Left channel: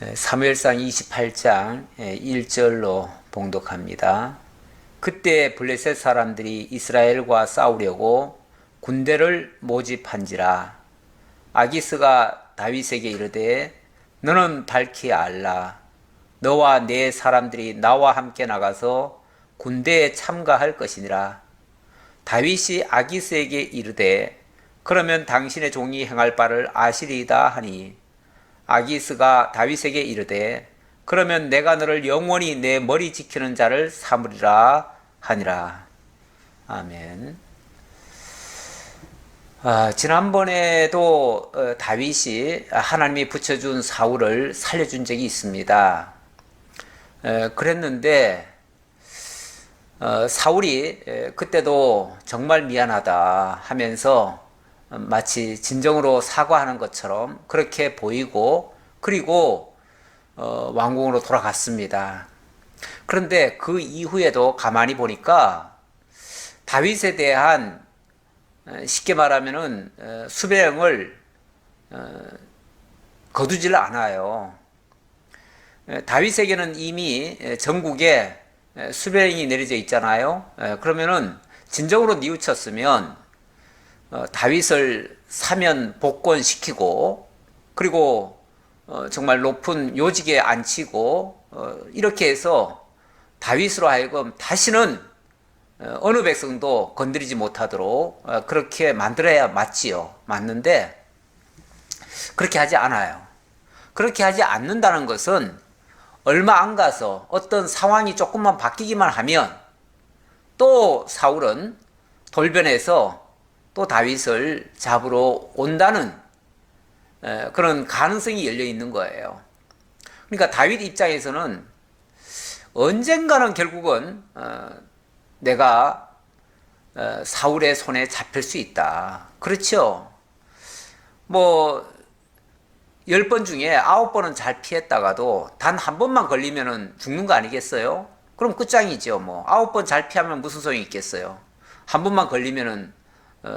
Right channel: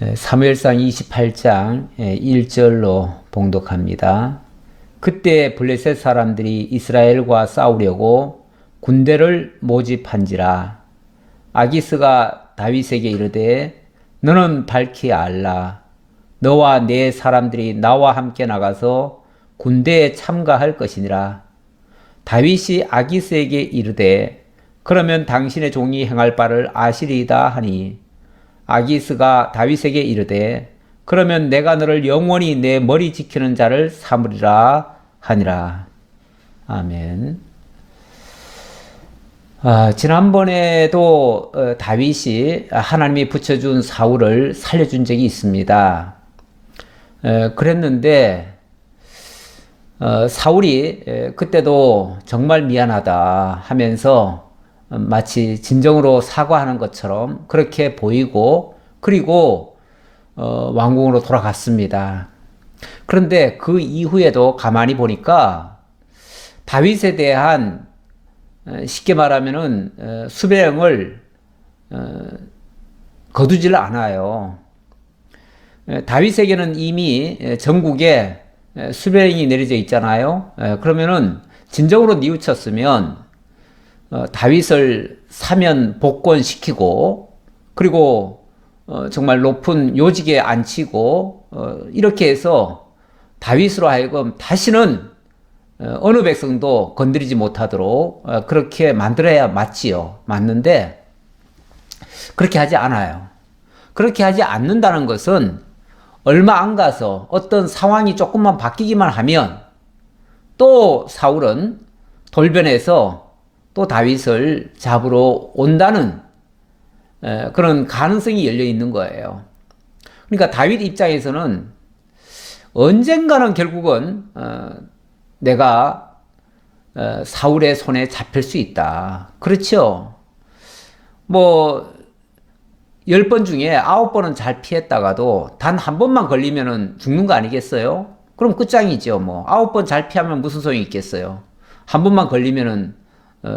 사무엘상 28장 1절로 봉독합니다. 그때 블레셋 사람들이 이스라엘과 싸우려고 군대를 모집한지라. 아기스가 다윗에게 이르되 너는 밝히 알라. 너와 네 사람들이 나와 함께 나가서 군대에 참가할 것이니라. 다윗이 아기스에게 이르되 그러면 당신의 종이 행할 바를 아시리이다 하니, 아기스가 다윗에게 이르되 그러면 내가 너를 영원히 내 머리 지키는 자를 삼으리라 하니라. 아멘. 지난번에도 다윗이 하나님이 붙여준 사울을 살려준 적이 있습니다. 그랬는데 사울이 그때도 정말 미안하다 하면서 마치 진정으로 사과하는 것처럼 그렇게 보이고, 그리고 왕궁으로 돌아갔습니다. 그런데 그 이후에도 가만히 보니까 다윗에 대한, 쉽게 말하면은 수배령을 거두질 않아요. 다윗에게는 이미 전국에 수배령이 내려져 있잖아요. 그러면은 진정으로 뉘우쳤으면 다윗을 사면 복권시키고, 그리고 정말 높은 요직에 앉히고, 이렇게 해서 다윗으로 하여금 다시는 어느 백성도 건드리지 못하도록 그렇게 만들어야 맞지요. 맞는데 그렇게 하지 않아요. 그렇게 하지 않는다는 것은 얼마 안 가서 어떤 상황이 조금만 바뀌기만 하면 또 사울은 돌변해서 또 다윗을 잡으러 온다는 그런 가능성이 열려 있는 거예요. 그러니까 다윗 입장에서는 언젠가는 결국은 내가 사울의 손에 잡힐 수 있다. 그렇죠? 뭐 10번 중에 9번은 잘 피했다가도 단 한 번만 걸리면은 죽는 거 아니겠어요? 그럼 끝장이죠. 뭐 9번 잘 피하면 무슨 소용이 있겠어요? 한 번만 걸리면은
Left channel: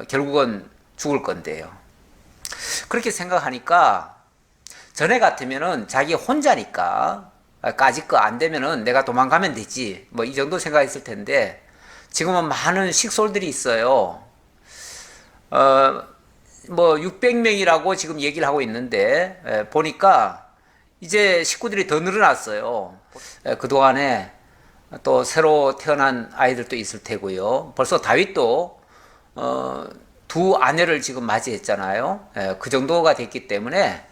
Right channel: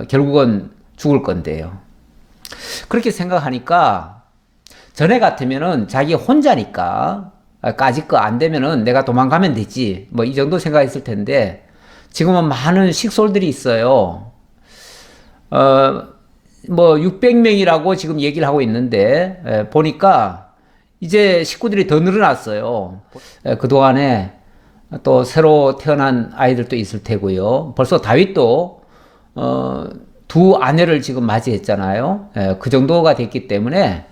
결국은 죽을 건데요. 그렇게 생각하니까 전에 같으면은 자기 혼자니까 까짓 거 안 되면은 내가 도망가면 되지, 뭐 이 정도 생각했을 텐데, 지금은 많은 식솔들이 있어요. 뭐 600명이라고 지금 얘기를 하고 있는데, 보니까 이제 식구들이 더 늘어났어요. 그동안에 또 새로 태어난 아이들도 있을 테고요. 벌써 다윗도 두 아내를 지금 맞이했잖아요. 그 정도가 됐기 때문에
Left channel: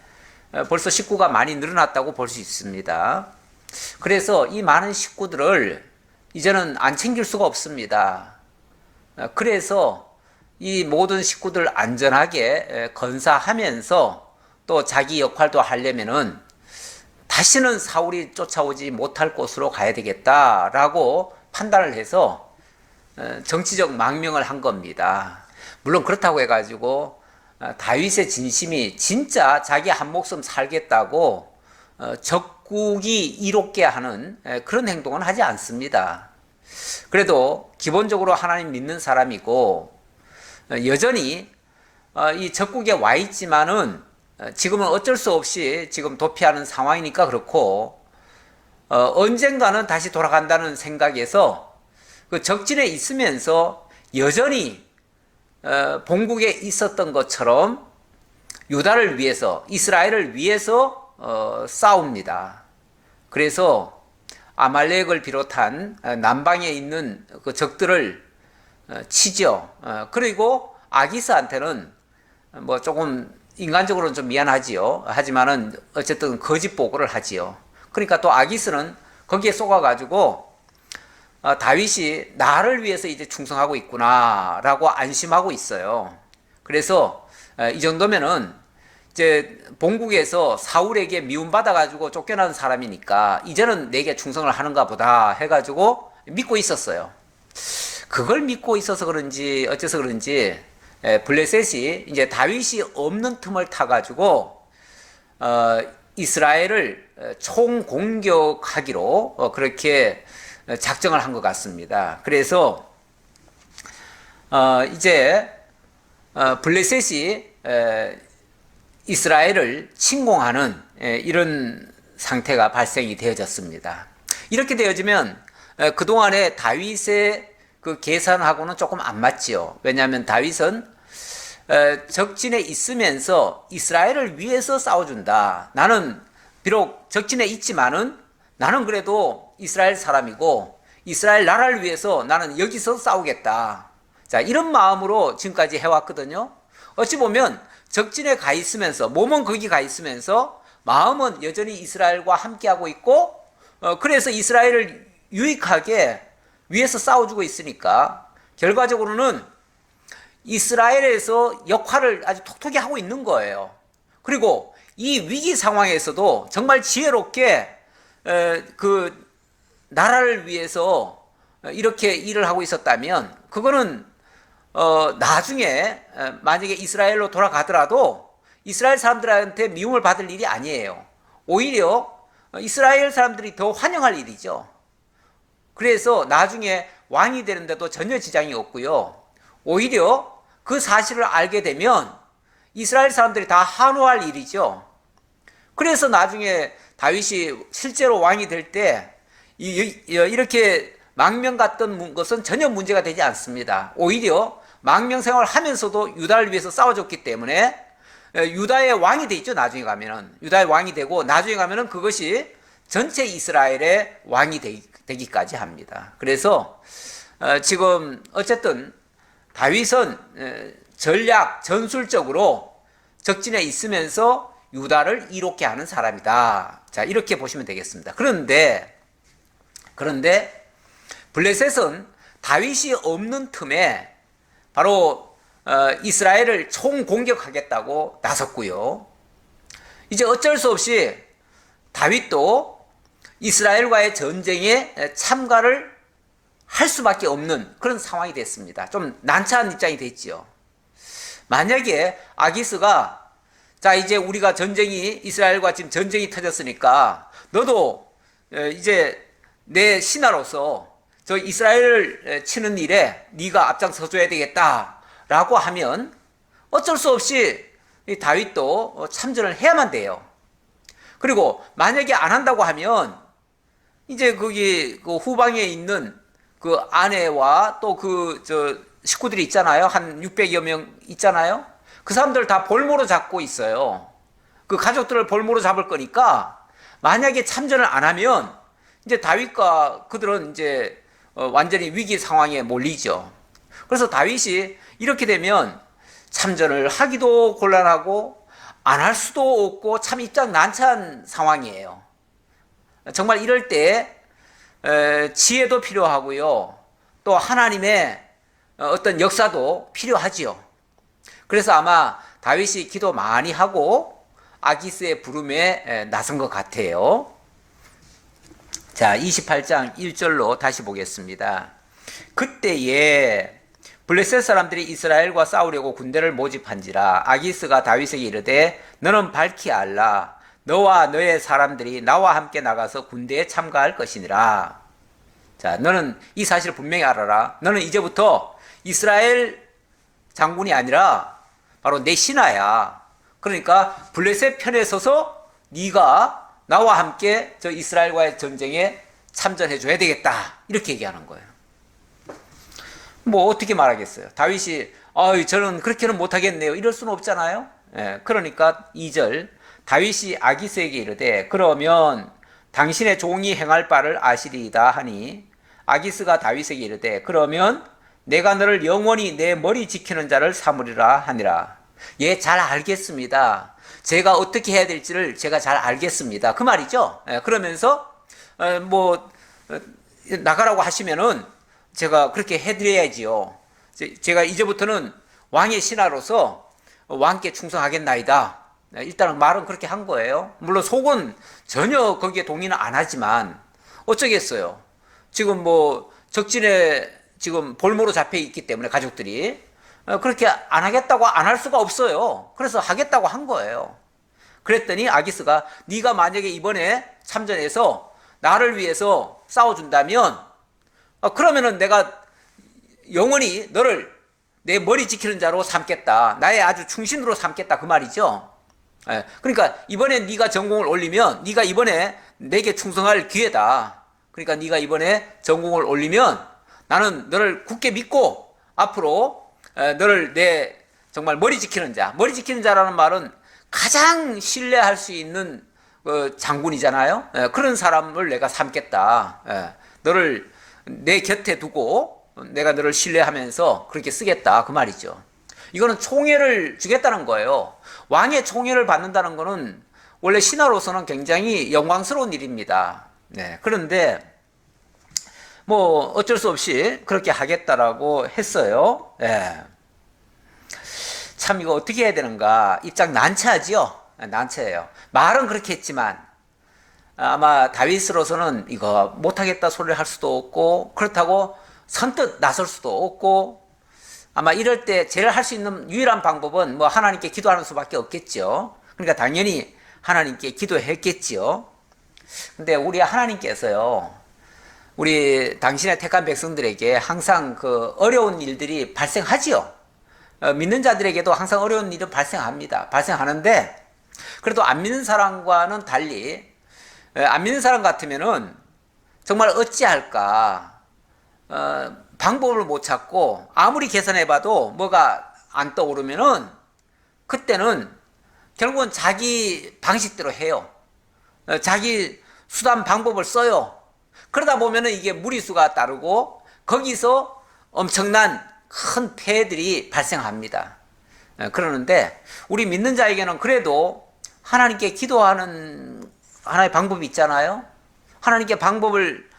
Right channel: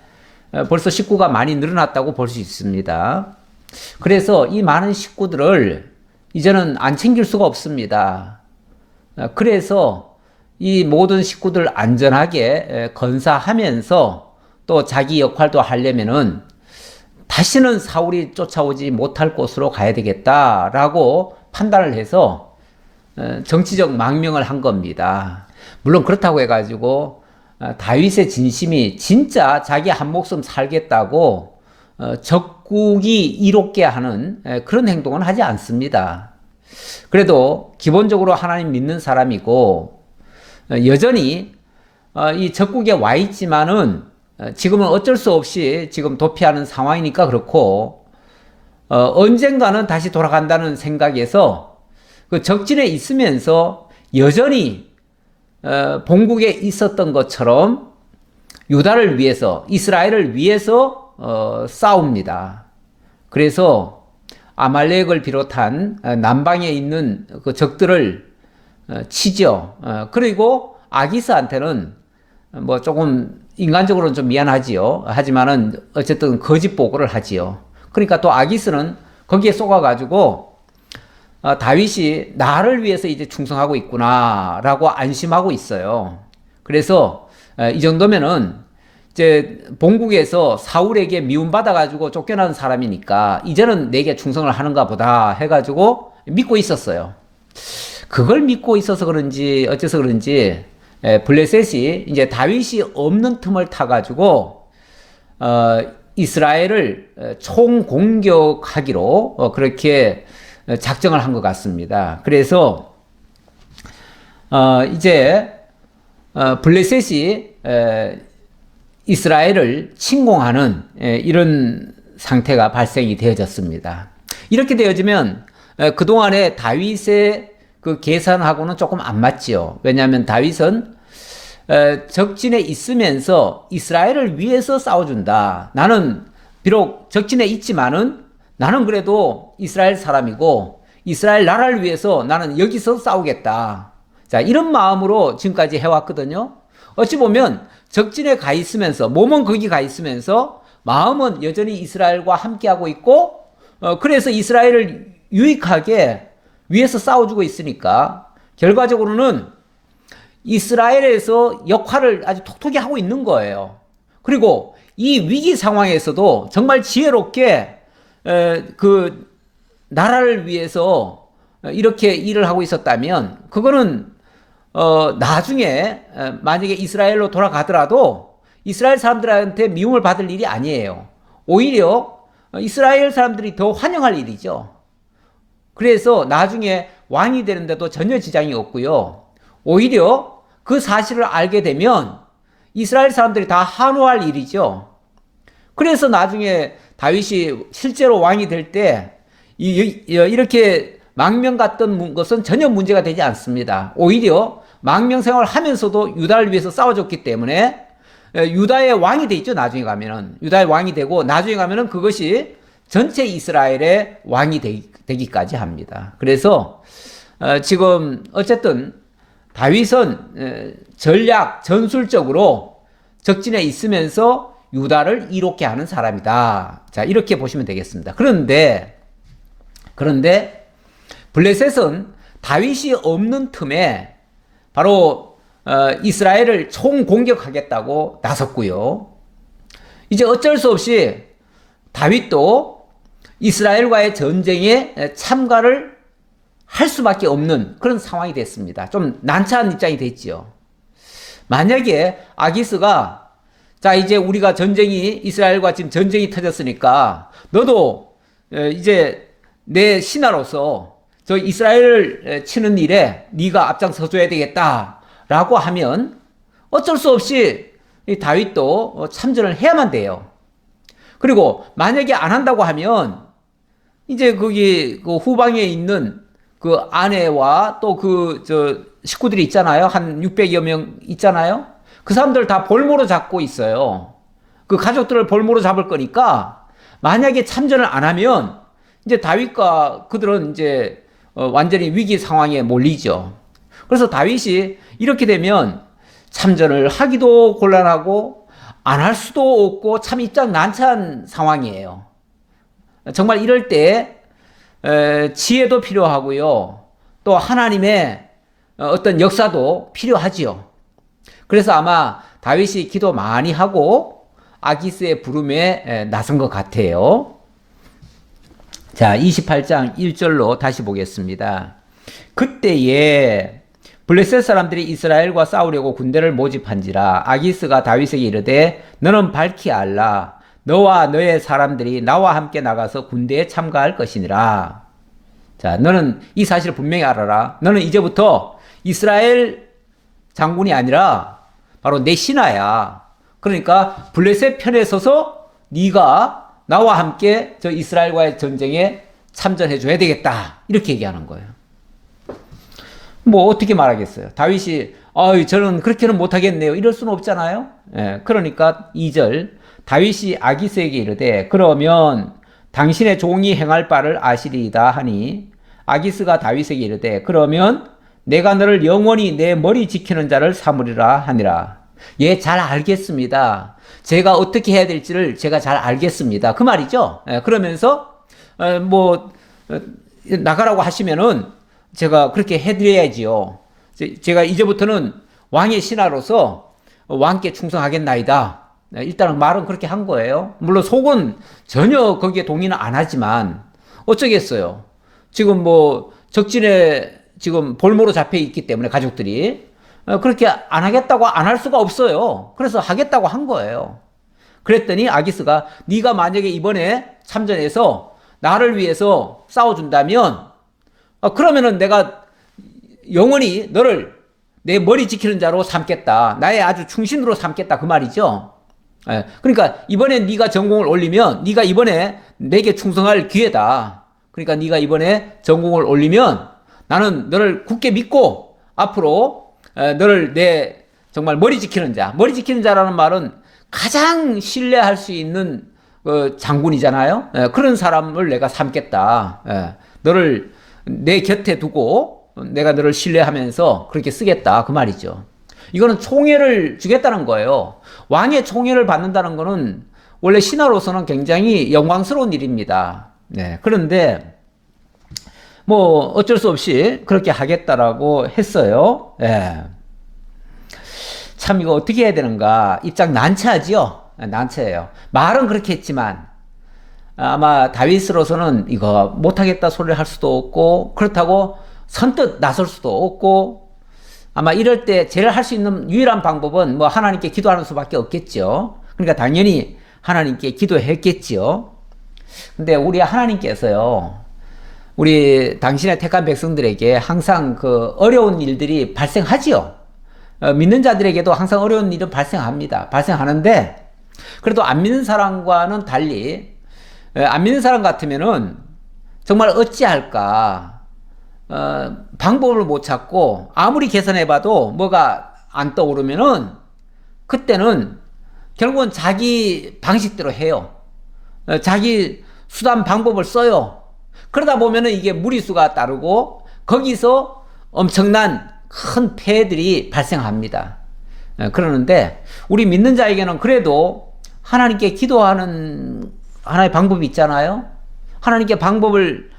벌써 식구가 많이 늘어났다고 볼 수 있습니다. 그래서 이 많은 식구들을 이제는 안 챙길 수가 없습니다. 그래서 이 모든 식구들 안전하게 건사하면서 또 자기 역할도 하려면은 다시는 사울이 쫓아오지 못할 곳으로 가야 되겠다라고 판단을 해서 정치적 망명을 한 겁니다. 물론 그렇다고 해가지고 다윗의 진심이 진짜 자기 한 목숨 살겠다고 적국이 이롭게 하는 그런 행동은 하지 않습니다. 그래도 기본적으로 하나님 믿는 사람이고, 여전히 이 적국에 와 있지만은 지금은 어쩔 수 없이 지금 도피하는 상황이니까 그렇고, 언젠가는 다시 돌아간다는 생각에서 그 적진에 있으면서 여전히 본국에 있었던 것처럼 유다를 위해서, 이스라엘을 위해서 싸웁니다. 그래서 아말렉을 비롯한 남방에 있는 그 적들을 치죠. 그리고 아기스한테는 뭐 조금 인간적으로는 좀 미안하지요. 하지만은 어쨌든 거짓 보고를 하지요. 그러니까 또 아기스는 거기에 속아가지고 다윗이 나를 위해서 이제 충성하고 있구나라고 안심하고 있어요. 그래서 이 정도면은 이제 본국에서 사울에게 미움받아가지고 쫓겨난 사람이니까 이제는 내게 충성을 하는가 보다 해가지고 믿고 있었어요. 그걸 믿고 있어서 그런지 어째서 그런지 블레셋이 이제 다윗이 없는 틈을 타가지고 이스라엘을 총공격하기로 그렇게 작정을 한 것 같습니다. 그래서 이제 블레셋이 이스라엘을 침공하는 이런 상태가 발생이 되어졌습니다. 이렇게 되어지면 그동안에 다윗의 그 계산하고는 조금 안 맞지요. 왜냐하면 다윗은 적진에 있으면서 이스라엘을 위해서 싸워준다. 나는 비록 적진에 있지만은 나는 그래도 이스라엘 사람이고 이스라엘 나라를 위해서 나는 여기서 싸우겠다. 자, 이런 마음으로 지금까지 해왔거든요. 어찌 보면 적진에 가 있으면서 몸은 거기 가 있으면서 마음은 여전히 이스라엘과 함께하고 있고 그래서 이스라엘을 유익하게 위해서 싸워주고 있으니까 결과적으로는 이스라엘에서 역할을 아주 톡톡히 하고 있는 거예요. 그리고 이 위기 상황에서도 정말 지혜롭게 그 나라를 위해서 이렇게 일을 하고 있었다면 그거는 나중에 만약에 이스라엘로 돌아가더라도 이스라엘 사람들한테 미움을 받을 일이 아니에요. 오히려 이스라엘 사람들이 더 환영할 일이죠. 그래서 나중에 왕이 되는데도 전혀 지장이 없고요. 오히려 그 사실을 알게 되면 이스라엘 사람들이 다 환호할 일이죠. 그래서 나중에 다윗이 실제로 왕이 될 때 이렇게 망명 같던 것은 전혀 문제가 되지 않습니다. 오히려 망명 생활을 하면서도 유다를 위해서 싸워줬기 때문에 유다의 왕이 돼 있죠. 나중에 가면은 유다의 왕이 되고 나중에 가면은 그것이 전체 이스라엘의 왕이 되기까지 합니다. 그래서 지금 어쨌든 다윗은 전략 전술적으로 적진에 있으면서 유다를 이롭게 하는 사람이다. 자, 이렇게 보시면 되겠습니다. 그런데 블레셋은 다윗이 없는 틈에 바로 이스라엘을 총공격하겠다고 나섰고요. 이제 어쩔 수 없이 다윗도 이스라엘과의 전쟁에 참가를 할 수밖에 없는 그런 상황이 됐습니다. 좀 난처한 입장이 됐지요. 만약에 아기스가 자 이제 우리가 이스라엘과 지금 전쟁이 터졌으니까 너도 이제 내 신하로서 저 이스라엘을 치는 일에 네가 앞장서줘야 되겠다라고 하면 어쩔 수 없이 다윗도 참전을 해야만 돼요. 그리고 만약에 안 한다고 하면 이제 거기 그 후방에 있는 그 아내와 또 식구들이 있잖아요. 한 600여 명 있잖아요. 그 사람들 다 볼모로 잡고 있어요. 그 가족들을 볼모로 잡을 거니까 만약에 참전을 안 하면 이제 다윗과 그들은 이제 완전히 위기 상황에 몰리죠. 그래서 다윗이 이렇게 되면 참전을 하기도 곤란하고 안 할 수도 없고 참 입장 난처한 상황이에요. 정말 이럴 때 지혜도 필요하고요. 또 하나님의 어떤 역사도 필요하지요. 그래서 아마 다윗이 기도 많이 하고 아기스의 부름에 나선 것 같아요. 자, 28장 1절로 다시 보겠습니다. 그때에 블레셋 사람들이 이스라엘과 싸우려고 군대를 모집한지라 아기스가 다윗에게 이르되 너는 밝히 알라. 너와 너의 사람들이 나와 함께 나가서 군대에 참가할 것이니라. 자, 너는 이 사실을 분명히 알아라. 너는 이제부터 이스라엘 장군이 아니라 바로 내 신하야. 그러니까 블레셋 편에 서서 네가 나와 함께 저 이스라엘과의 전쟁에 참전해 줘야 되겠다. 이렇게 얘기하는 거예요. 뭐 어떻게 말하겠어요? 다윗이 저는 그렇게는 못하겠네요. 이럴 수는 없잖아요. 예, 그러니까 2절 다윗이 아기스에게 이르되 그러면 당신의 종이 행할 바를 아시리이다 하니 아기스가 다윗에게 이르되 그러면 내가 너를 영원히 내 머리 지키는 자를 삼으리라 하니라. 예, 잘 알겠습니다. 제가 어떻게 해야 될지를 제가 잘 알겠습니다. 그 말이죠. 예, 그러면서 나가라고 하시면은 제가 그렇게 해드려야지요. 제가 이제부터는 왕의 신하로서 왕께 충성하겠나이다. 일단은 말은 그렇게 한 거예요. 물론 속은 전혀 거기에 동의는 안 하지만 어쩌겠어요. 지금 적진에 지금 볼모로 잡혀 있기 때문에 가족들이 그렇게 안 하겠다고 안 할 수가 없어요. 그래서 하겠다고 한 거예요. 그랬더니 아기스가 네가 만약에 이번에 참전해서 나를 위해서 싸워준다면 그러면은 내가 영원히 너를 내 머리 지키는 자로 삼겠다. 나의 아주 충신으로 삼겠다. 그 말이죠. 그러니까 이번에 네가 전공을 올리면 네가 이번에 내게 충성할 기회다. 그러니까 네가 이번에 전공을 올리면 나는 너를 굳게 믿고 앞으로 너를 내 정말 머리 지키는 자. 머리 지키는 자라는 말은 가장 신뢰할 수 있는 장군이잖아요. 그런 사람을 내가 삼겠다. 너를 내 곁에 두고 내가 너를 신뢰하면서 그렇게 쓰겠다. 그 말이죠. 이거는 총애를 주겠다는 거예요. 왕의 총애를 받는다는 거는 원래 신하로서는 굉장히 영광스러운 일입니다. 네. 그런데 뭐 어쩔 수 없이 그렇게 하겠다라고 했어요. 네. 참 이거 어떻게 해야 되는가 입장 난처하지요. 난처해요. 말은 그렇게 했지만 아마 다윗으로서는 이거 못하겠다 소리를 할 수도 없고 그렇다고 선뜻 나설 수도 없고 아마 이럴 때 제일 할 수 있는 유일한 방법은 뭐 하나님께 기도하는 수밖에 없겠죠. 그러니까 당연히 하나님께 기도했겠지요. 근데 우리 하나님께서요, 우리 당신의 택한 백성들에게 항상 그 어려운 일들이 발생하지요. 믿는 자들에게도 항상 어려운 일은 발생합니다. 발생하는데 그래도 안 믿는 사람과는 달리 안 믿는 사람 같으면은 정말 어찌할까 방법을 못 찾고 아무리 계산해봐도 뭐가 안 떠오르면은 그때는 결국은 자기 방식대로 해요. 자기 수단 방법을 써요. 그러다 보면은 이게 무리수가 따르고 거기서 엄청난 큰 폐해들이 발생합니다. 그러는데 우리 믿는 자에게는 그래도 하나님께 기도하는 하나의 방법이 있잖아요. 하나님께 방법을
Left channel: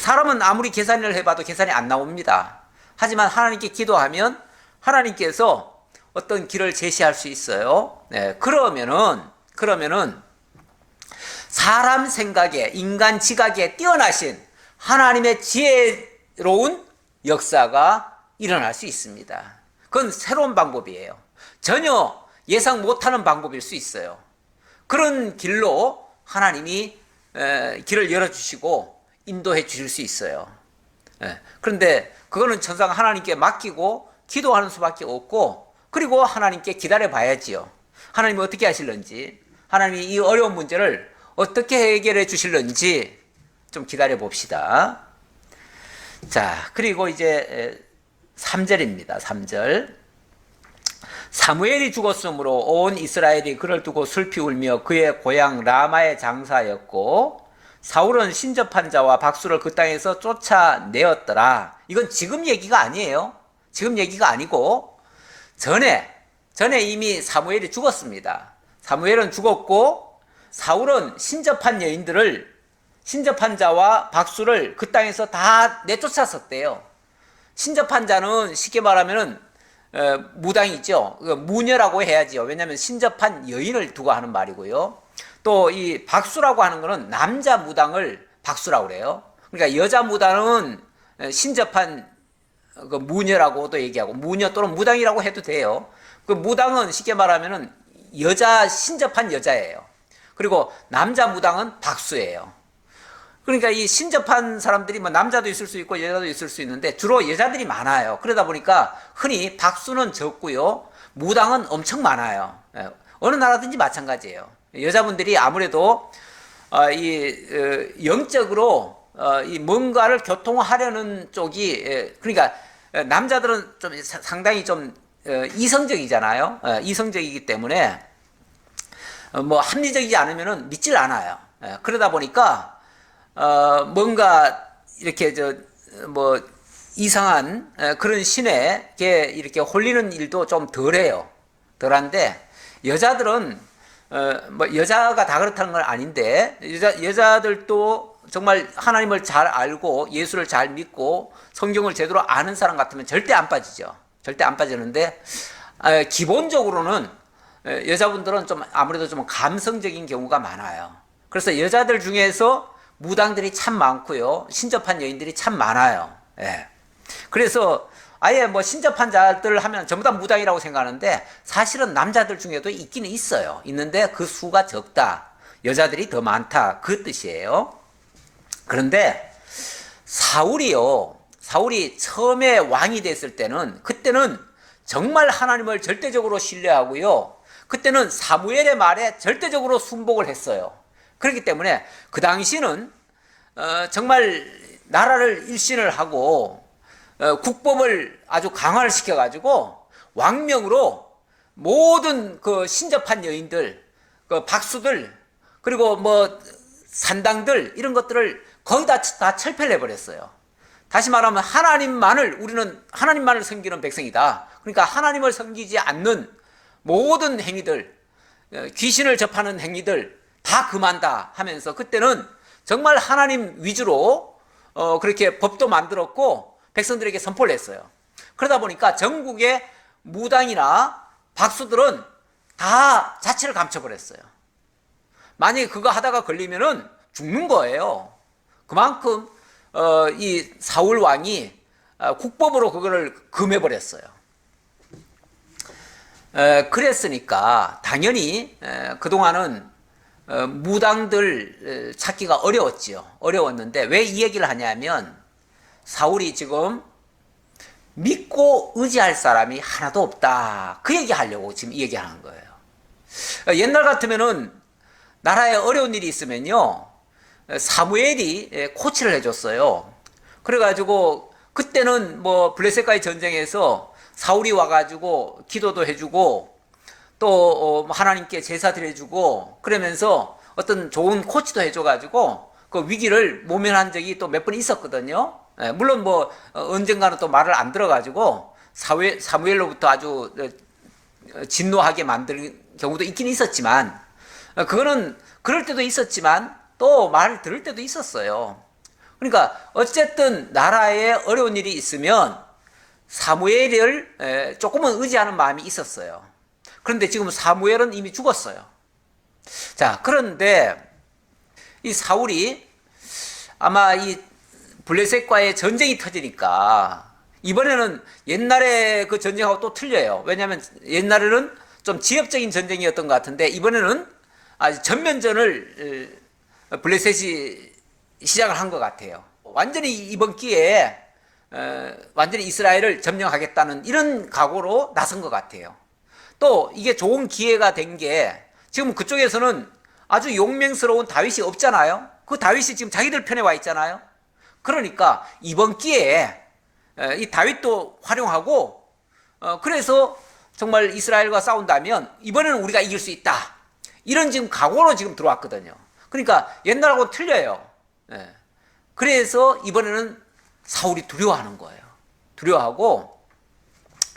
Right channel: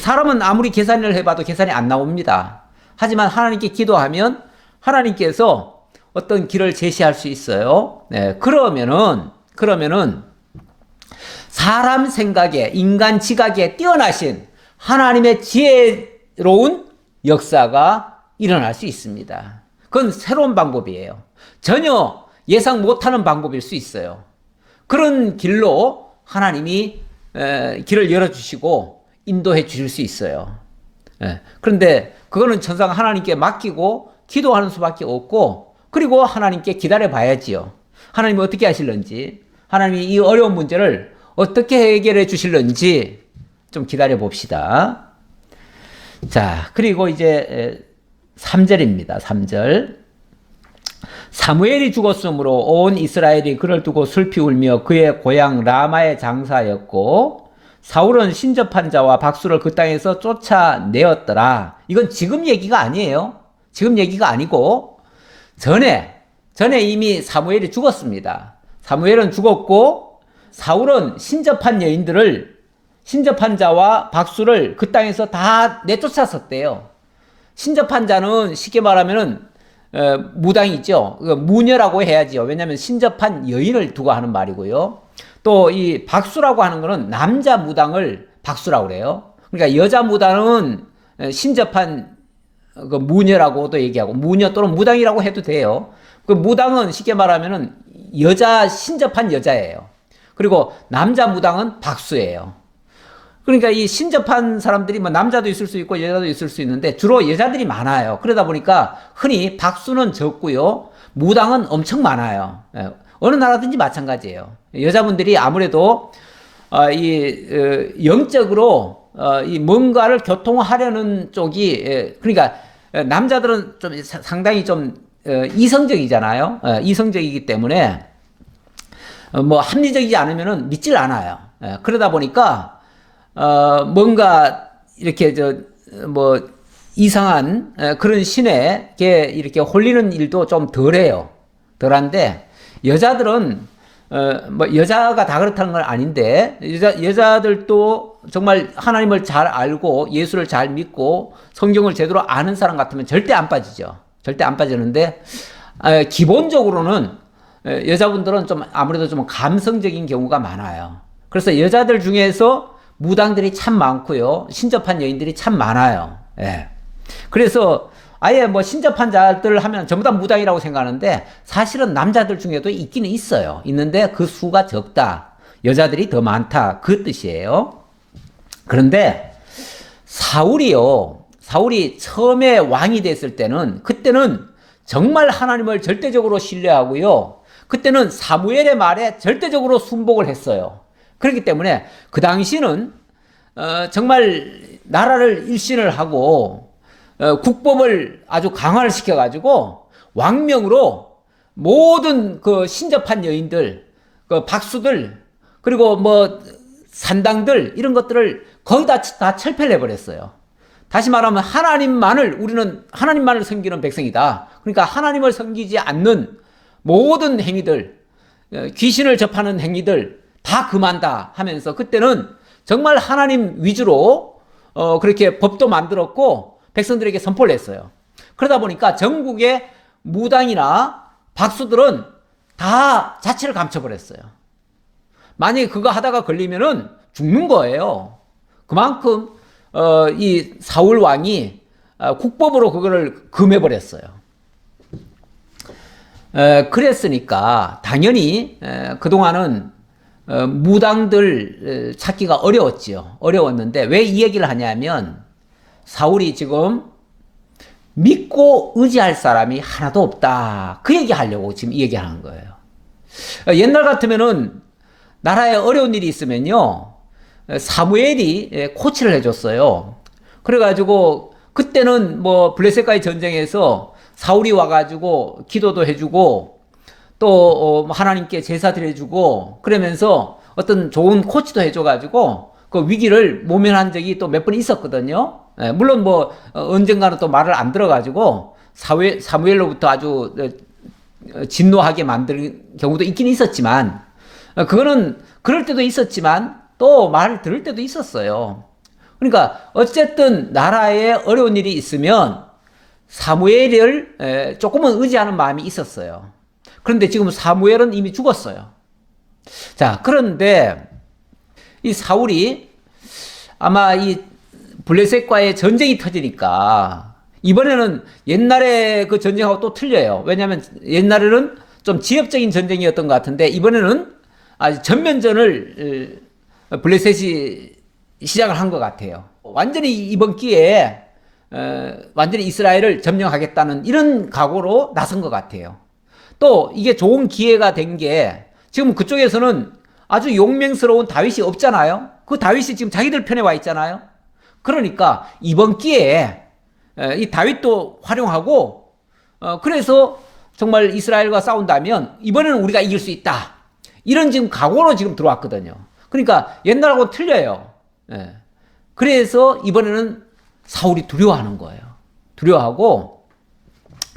사람은 아무리 계산을 해봐도 계산이 안 나옵니다. 하지만 하나님께 기도하면 하나님께서 어떤 길을 제시할 수 있어요. 네, 그러면은 사람 생각에 인간 지각에 뛰어나신 하나님의 지혜로운 역사가 일어날 수 있습니다. 그건 새로운 방법이에요. 전혀 예상 못하는 방법일 수 있어요. 그런 길로 하나님이 길을 열어주시고 인도해 주실 수 있어요. 그런데 그거는 천상 하나님께 맡기고 기도하는 수밖에 없고 그리고 하나님께 기다려 봐야지요. 하나님이 어떻게 하실런지 하나님이 이 어려운 문제를 어떻게 해결해 주실런지 좀 기다려 봅시다. 자, 그리고 이제 3절입니다. 3절. 사무엘이 죽었으므로 온 이스라엘이 그를 두고 슬피 울며 그의 고향 라마에 장사하였고 사울은 신접한 자와 박수를 그 땅에서 쫓아내었더라. 이건 지금 얘기가 아니에요. 지금 얘기가 아니고 전에 이미 사무엘이 죽었습니다. 사무엘은 죽었고 사울은 신접한 여인들을 신접한 자와 박수를 그 땅에서 다 내쫓았었대요. 신접한 자는 쉽게 말하면은 무당이죠. 무녀라고 해야지요. 왜냐하면 신접한 여인을 두고 하는 말이고요. 또 이 박수라고 하는 거는 남자 무당을 박수라고 그래요. 그러니까 여자 무당은 신접한 그 무녀라고도 얘기하고 무녀 또는 무당이라고 해도 돼요. 그 무당은 쉽게 말하면은 여자 신접한 여자예요. 그리고 남자 무당은 박수예요. 그러니까 이 신접한 사람들이 뭐 남자도 있을 수 있고 여자도 있을 수 있는데 주로 여자들이 많아요. 그러다 보니까 흔히 박수는 적고요. 무당은 엄청 많아요. 어느 나라든지 마찬가지예요. 여자분들이 아무래도 영적으로 이 뭔가를 교통하려는 쪽이 그러니까 남자들은 좀 상당히 좀 이성적이잖아요. 이성적이기 때문에 뭐 합리적이지 않으면은 믿질 않아요. 그러다 보니까 뭔가 이렇게 뭐 이상한 그런 신에게 이렇게 홀리는 일도 좀 덜해요. 덜한데 여자들은 뭐 여자가 다 그렇다는 건 아닌데 여자들도 정말 하나님을 잘 알고 예수를 잘 믿고 성경을 제대로 아는 사람 같으면 절대 안 빠지죠. 절대 안 빠지는데 기본적으로는 여자분들은 좀 아무래도 좀 감성적인 경우가 많아요. 그래서 여자들 중에서 무당들이 참 많고요. 신접한 여인들이 참 많아요. 예. 그래서 아예 뭐 신접한 자들 하면 전부 다 무당이라고 생각하는데 사실은 남자들 중에도 있기는 있어요. 있는데 그 수가 적다. 여자들이 더 많다. 그 뜻이에요. 그런데 사울이 처음에 왕이 됐을 때는 그때는 정말 하나님을 절대적으로 신뢰하고요. 그때는 사무엘의 말에 절대적으로 순복을 했어요. 그렇기 때문에 그 당시는 정말 나라를 일신을 하고 국법을 아주 강화를 시켜가지고 왕명으로 모든 그 신접한 여인들, 그 박수들, 그리고 뭐 산당들 이런 것들을 거의 다 철폐를 해버렸어요. 다시 말하면 우리는 하나님만을 섬기는 백성이다. 그러니까 하나님을 섬기지 않는 모든 행위들, 귀신을 접하는 행위들 다 금한다 하면서 그때는 정말 하나님 위주로 그렇게 법도 만들었고 백성들에게 선포를 했어요. 그러다 보니까 전국의 무당이나 박수들은 다 자취를 감춰버렸어요. 만약에 그거 하다가 걸리면은 죽는 거예요. 그만큼 이 사울 왕이 국법으로 그거를 금해버렸어요. 그랬으니까 당연히 그동안은 무당들 찾기가 어려웠지요. 어려웠는데 왜 이 얘기를 하냐면 사울이 지금 믿고 의지할 사람이 하나도 없다. 그 얘기 하려고 지금 이 얘기 하는 거예요. 옛날 같으면은 나라에 어려운 일이 있으면요. 사무엘이 코치를 해줬어요. 그래가지고 그때는 뭐 블레셋과의 전쟁에서 사울이 와가지고 기도도 해주고 또 하나님께 제사 드려주고 그러면서 어떤 좋은 코치도 해줘가지고 그 위기를 모면한 적이 또 몇 번 있었거든요. 물론 뭐 언젠가는 또 말을 안 들어가지고 사무엘로부터 아주 진노하게 만든 경우도 있긴 있었지만 그거는 그럴 때도 있었지만 또 말을 들을 때도 있었어요. 그러니까 어쨌든 나라에 어려운 일이 있으면 사무엘을 조금은 의지하는 마음이 있었어요. 그런데 지금 사무엘은 이미 죽었어요. 자, 그런데 이 사울이 아마 이 블레셋과의 전쟁이 터지니까 이번에는 옛날에 그 전쟁하고 또 틀려요. 왜냐하면 옛날에는 좀 지역적인 전쟁이었던 것 같은데 이번에는 아주 전면전을 블레셋이 시작을 한 것 같아요. 완전히 이번 기회에 완전히 이스라엘을 점령하겠다는 이런 각오로 나선 것 같아요. 또 이게 좋은 기회가 된 게 지금 그쪽에서는 아주 용맹스러운 다윗이 없잖아요. 그 다윗이 지금 자기들 편에 와 있잖아요. 그러니까 이번 기회에 이 다윗도 활용하고 그래서 정말 이스라엘과 싸운다면 이번에는 우리가 이길 수 있다. 이런 지금 각오로 지금 들어왔거든요. 그러니까 옛날하고 틀려요. 그래서 이번에는 사울이 두려워하는 거예요. 두려워하고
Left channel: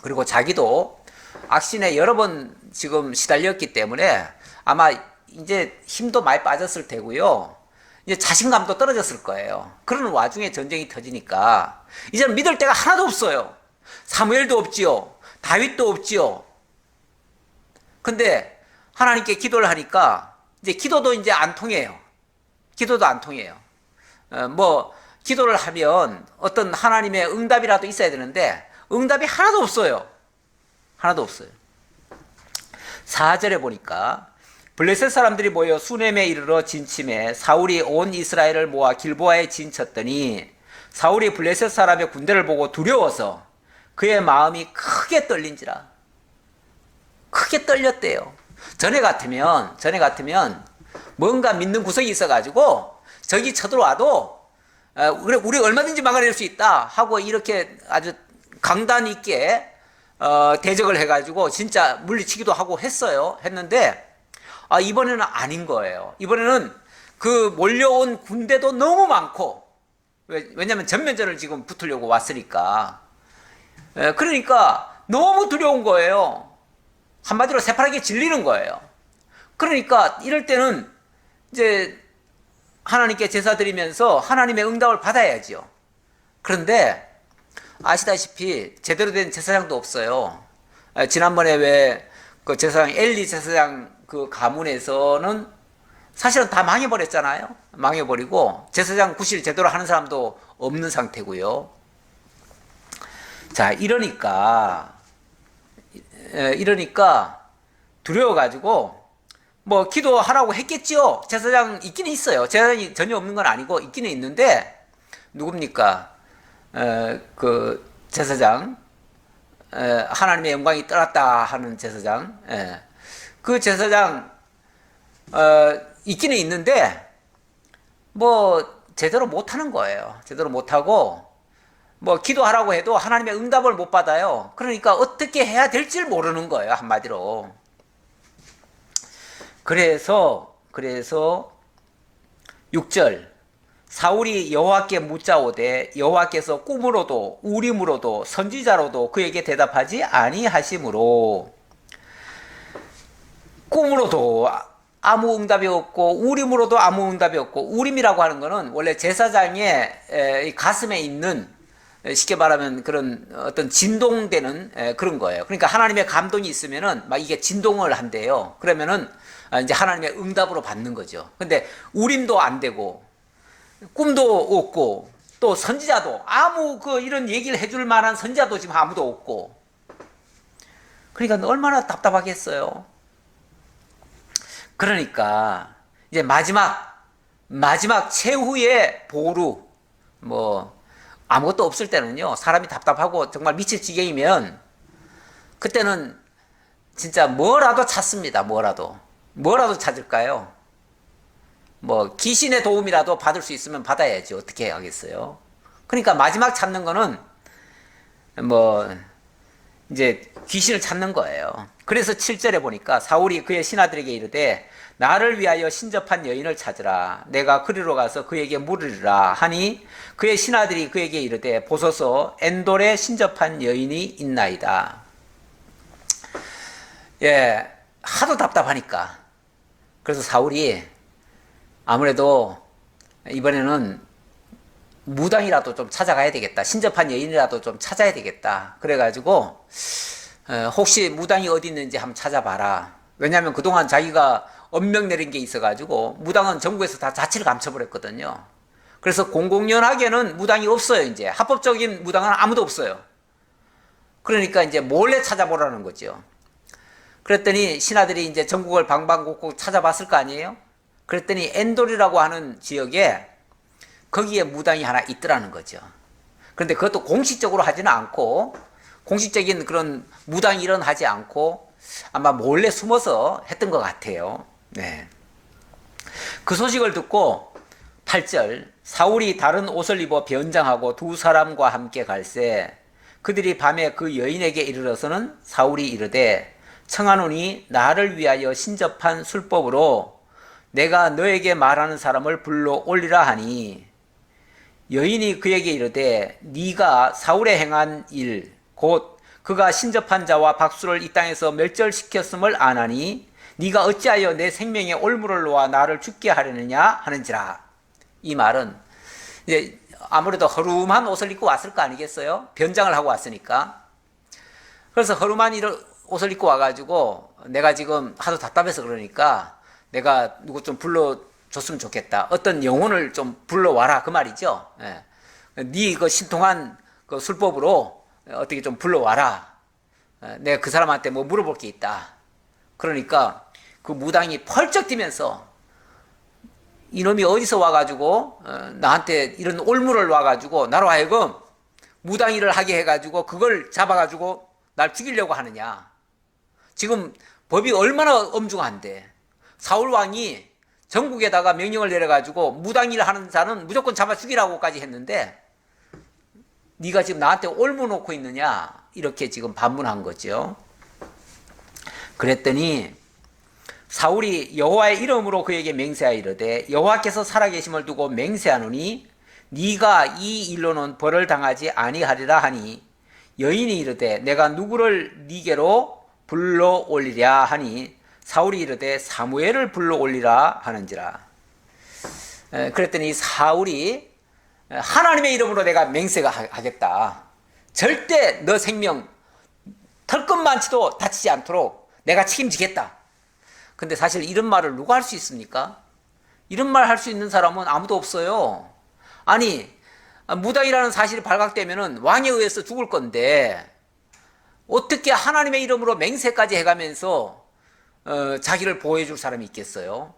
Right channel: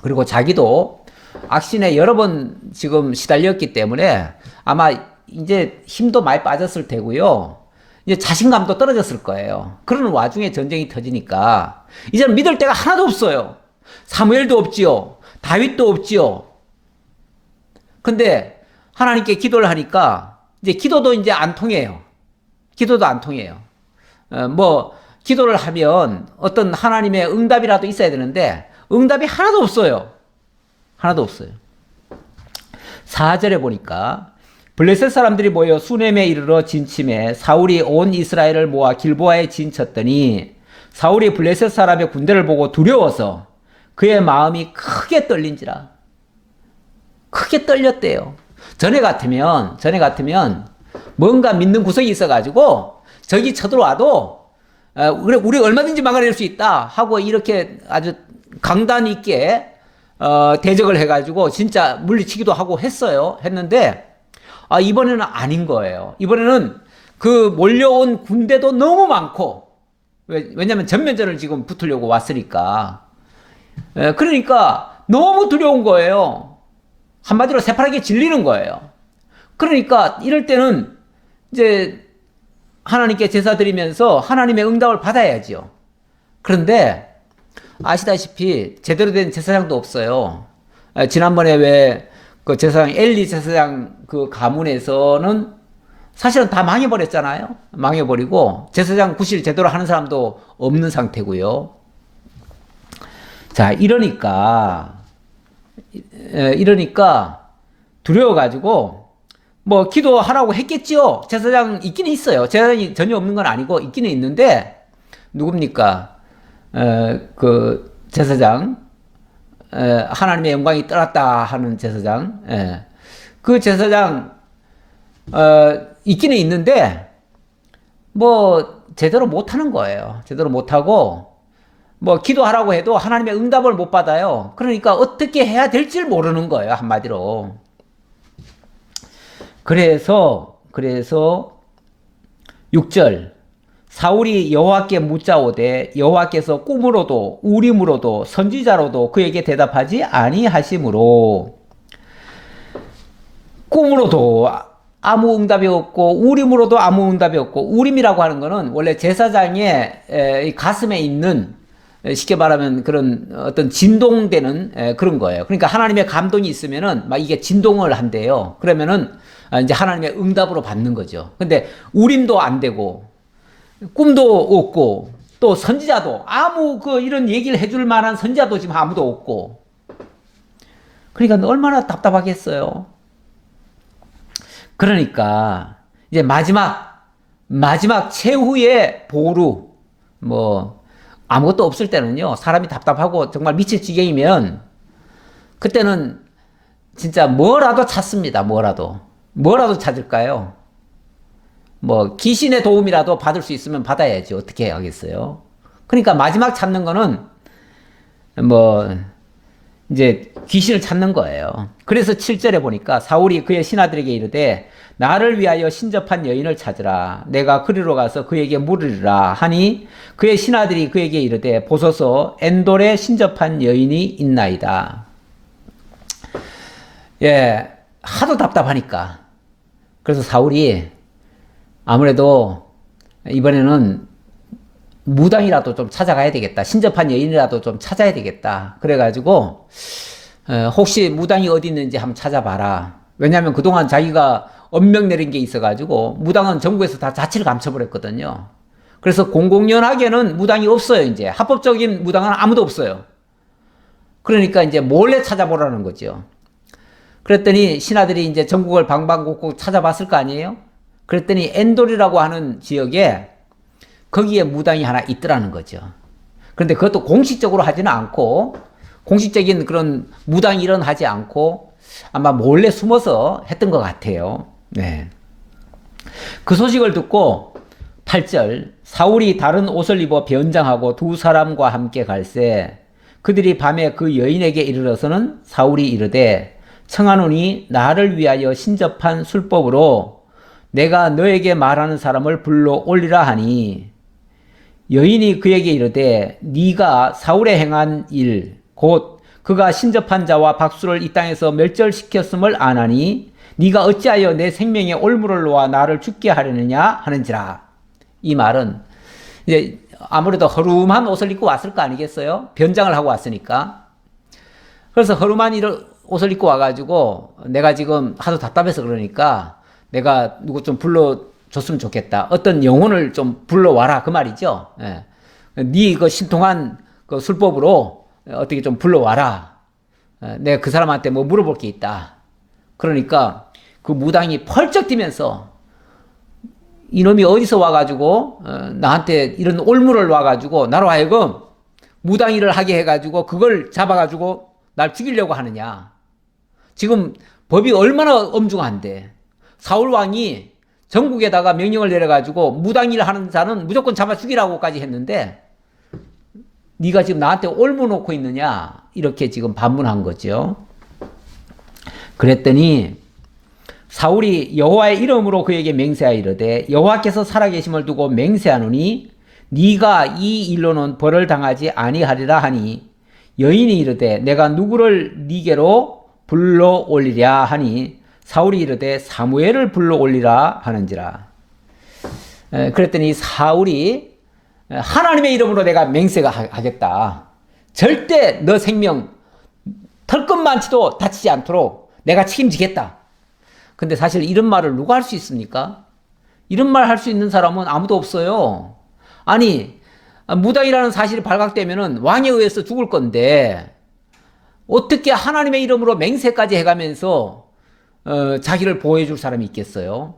그리고 자기도 악신에 여러 번 지금 시달렸기 때문에 아마 이제 힘도 많이 빠졌을 테고요. 이제 자신감도 떨어졌을 거예요. 그런 와중에 전쟁이 터지니까 이제는 믿을 데가 하나도 없어요. 사무엘도 없지요. 다윗도 없지요. 근데 하나님께 기도를 하니까 이제 기도도 이제 안 통해요. 기도도 안 통해요. 뭐 기도를 하면 어떤 하나님의 응답이라도 있어야 되는데 응답이 하나도 없어요. 하나도 없어요. 4절에 보니까 블레셋 사람들이 모여 수넴에 이르러 진침해 사울이 온 이스라엘을 모아 길보아에 진쳤더니 사울이 블레셋 사람의 군대를 보고 두려워서 그의 마음이 크게 떨린지라. 크게 떨렸대요. 전에 같으면 뭔가 믿는 구석이 있어가지고 적이 쳐들어와도 우리 얼마든지 막아낼 수 있다 하고 이렇게 아주 강단 있게 대적을 해가지고 진짜 물리치기도 하고 했는데 이번에는 아닌 거예요. 이번에는 그 몰려온 군대도 너무 많고 왜냐면 전면전을 지금 붙으려고 왔으니까 그러니까 너무 두려운 거예요. 한마디로 새파랗게 질리는 거예요. 그러니까 이럴 때는 이제 하나님께 제사 드리면서 하나님의 응답을 받아야지요. 그런데 아시다시피 제대로 된 제사장도 없어요. 지난번에 왜 그 제사장 엘리 제사장 그 가문에서는 사실은 다 망해버렸잖아요. 망해버리고 제사장 구실 제대로 하는 사람도 없는 상태고요. 자, 이러니까 두려워가지고 뭐 기도하라고 했겠지요. 제사장 있기는 있어요. 제사장이 전혀 없는 건 아니고 있기는 있는데 누굽니까? 그 제사장 하나님의 영광이 떠났다 하는 제사장 그 제사장 있기는 있는데 뭐 제대로 못하는 거예요. 제대로 못하고 뭐 기도하라고 해도 하나님의 응답을 못 받아요. 그러니까 어떻게 해야 될지 모르는 거예요. 한마디로. 그래서 6절 사울이 여호와께 묻자오되 여호와께서 꿈으로도 우림으로도 선지자로도 그에게 대답하지 아니하시므로 꿈으로도 아무 응답이 없고 우림으로도 아무 응답이 없고 우림이라고 하는 거는 원래 제사장의 가슴에 있는 쉽게 말하면 그런 어떤 진동되는 그런 거예요. 그러니까 하나님의 감동이 있으면은 막 이게 진동을 한대요. 그러면은 이제 하나님의 응답으로 받는 거죠. 근데 우림도 안 되고 꿈도 없고 또 선지자도 아무 이런 얘기를 해줄 만한 선지자도 지금 아무도 없고 그러니까 얼마나 답답하겠어요. 그러니까 이제 마지막 최후의 보루 뭐 아무것도 없을 때는요 사람이 답답하고 정말 미칠 지경이면 그때는 진짜 뭐라도 찾습니다. 뭐라도 찾을까요? 뭐 귀신의 도움이라도 받을 수 있으면 받아야지 어떻게 하겠어요? 그러니까 마지막 찾는 거는 뭐 이제 귀신을 찾는 거예요. 그래서 7절에 보니까 사울이 그의 신하들에게 이르되 나를 위하여 신접한 여인을 찾으라. 내가 그리로 가서 그에게 물으리라 하니 그의 신하들이 그에게 이르되 보소서 엔돌에 신접한 여인이 있나이다. 예, 하도 답답하니까. 그래서 사울이 아무래도 이번에는 무당이라도 좀 찾아가야 되겠다. 신접한 여인이라도 좀 찾아야 되겠다. 그래가지고 혹시 무당이 어디 있는지 한번 찾아봐라. 왜냐하면 그동안 자기가 엄명 내린 게 있어가지고 무당은 전국에서 다 자취를 감춰버렸거든요. 그래서 공공연하게는 무당이 없어요. 이제 합법적인 무당은 아무도 없어요. 그러니까 이제 몰래 찾아보라는 거죠. 그랬더니 신하들이 이제 전국을 방방곡곡 찾아봤을 거 아니에요? 그랬더니 엔돌이라고 하는 지역에 거기에 무당이 하나 있더라는 거죠. 그런데 그것도 공식적으로 하지는 않고 공식적인 그런 무당 일은 하지 않고 아마 몰래 숨어서 했던 것 같아요. 네. 그 소식을 듣고 8절 사울이 다른 옷을 입어 변장하고 두 사람과 함께 갈새 그들이 밤에 그 여인에게 이르러서는 사울이 이르되 청하노니 나를 위하여 신접한 술법으로 내가 너에게 말하는 사람을 불러 올리라 하니 여인이 그에게 이르되 네가 사울에 행한 일 곧 그가 신접한 자와 박수를 이 땅에서 멸절시켰음을 아나니 네가 어찌하여 내 생명에 올무를 놓아 나를 죽게 하려느냐 하는지라. 이 말은 이제 아무래도 허름한 옷을 입고 왔을 거 아니겠어요? 변장을 하고 왔으니까. 그래서 허름한 옷을 입고 와가지고 내가 지금 하도 답답해서 그러니까 내가 누구 좀 불러줬으면 좋겠다. 어떤 영혼을 좀 불러와라 그 말이죠. 예. 네 그 신통한 그 술법으로 어떻게 좀 불러와라. 내가 그 사람한테 뭐 물어볼 게 있다. 그러니까 그 무당이 펄쩍 뛰면서 이놈이 어디서 와가지고 나한테 이런 올무를 놔가지고 나로 하여금 무당일을 하게 해가지고 그걸 잡아가지고 날 죽이려고 하느냐. 지금 법이 얼마나 엄중한데 사울 왕이 전국에다가 명령을 내려가지고 무당일 하는 자는 무조건 잡아 죽이라고까지 했는데 네가 지금 나한테 올무 놓고 있느냐 이렇게 지금 반문한 거죠. 그랬더니 사울이 여호와의 이름으로 그에게 맹세하여 이르되 여호와께서 살아계심을 두고 맹세하노니 네가 이 일로는 벌을 당하지 아니하리라 하니 여인이 이르되 내가 누구를 네게로 불러 올리랴 하니 사울이 이르되 사무엘을 불러 올리라 하는지라. 그랬더니 사울이 하나님의 이름으로 내가 맹세가 하겠다. 절대 너 생명 털끝만치도 다치지 않도록 내가 책임지겠다. 근데 사실 이런 말을 누가 할 수 있습니까? 이런 말 할 수 있는 사람은 아무도 없어요. 아니 무당이라는 사실이 발각되면은 왕에 의해서 죽을 건데 어떻게 하나님의 이름으로 맹세까지 해가면서 자기를 보호해 줄 사람이 있겠어요?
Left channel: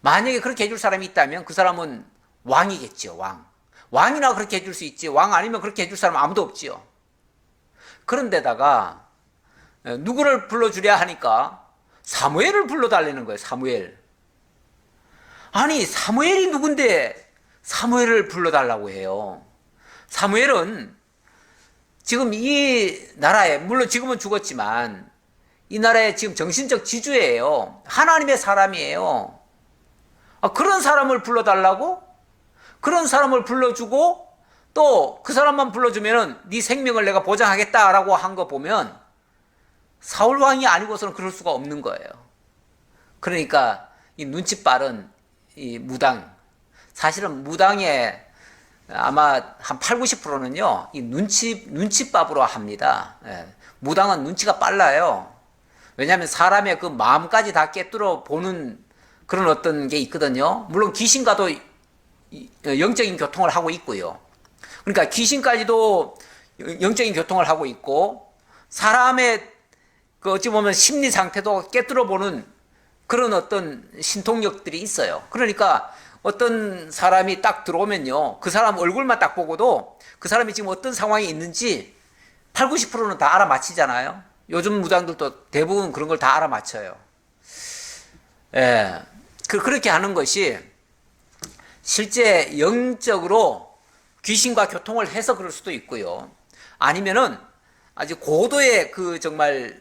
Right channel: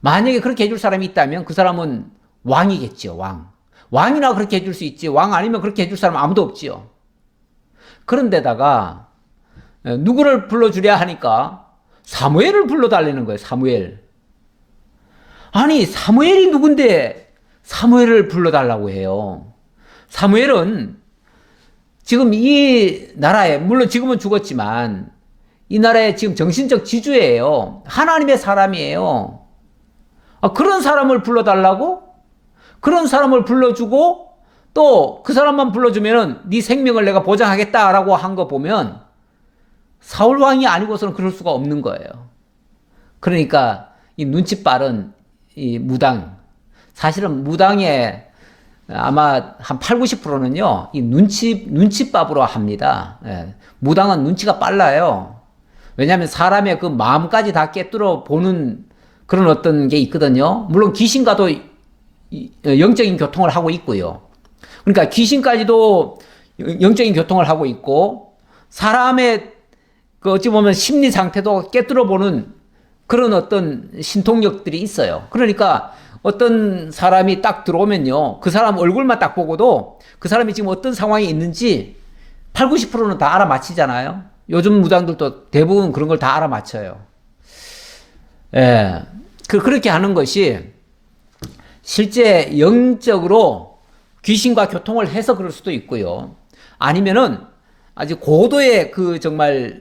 만약에 그렇게 해줄 사람이 있다면 그 사람은 왕이겠죠. 왕이나 그렇게 해줄 수 있지 왕 아니면 그렇게 해줄 사람 아무도 없지요. 그런데다가 누구를 불러주랴 하니까 사무엘을 불러달라는 거예요. 사무엘. 아니 사무엘이 누군데 사무엘을 불러달라고 해요. 사무엘은 지금 이 나라에, 물론 지금은 죽었지만 이 나라의 지금 정신적 지주예요. 하나님의 사람이에요. 그런 사람을 불러달라고? 그런 사람을 불러주고 또 그 사람만 불러주면은 네 생명을 내가 보장하겠다라고 한 거 보면 사울 왕이 아니고서는 그럴 수가 없는 거예요. 그러니까 이 눈치 빠른 이 무당, 사실은 무당의 아마 한 8, 90%는요, 이 눈치밥으로 합니다. 예. 무당은 눈치가 빨라요. 왜냐하면 사람의 그 마음까지 다 꿰뚫어 보는 그런 어떤 게 있거든요. 물론 귀신과도 영적인 교통을 하고 있고요. 그러니까 귀신까지도 영적인 교통을 하고 있고, 사람의 그 어찌 보면 심리 상태도 꿰뚫어 보는 그런 어떤 신통력들이 있어요. 그러니까 어떤 사람이 딱 들어오면요, 그 사람 얼굴만 딱 보고도 그 사람이 지금 어떤 상황에 있는지 8, 90%는 다 알아맞히잖아요. 요즘 무당들도 대부분 그런 걸 다 알아맞혀요. 예. 그렇게 하는 것이 실제 영적으로 귀신과 교통을 해서 그럴 수도 있고요. 아니면은 아주 고도의 그 정말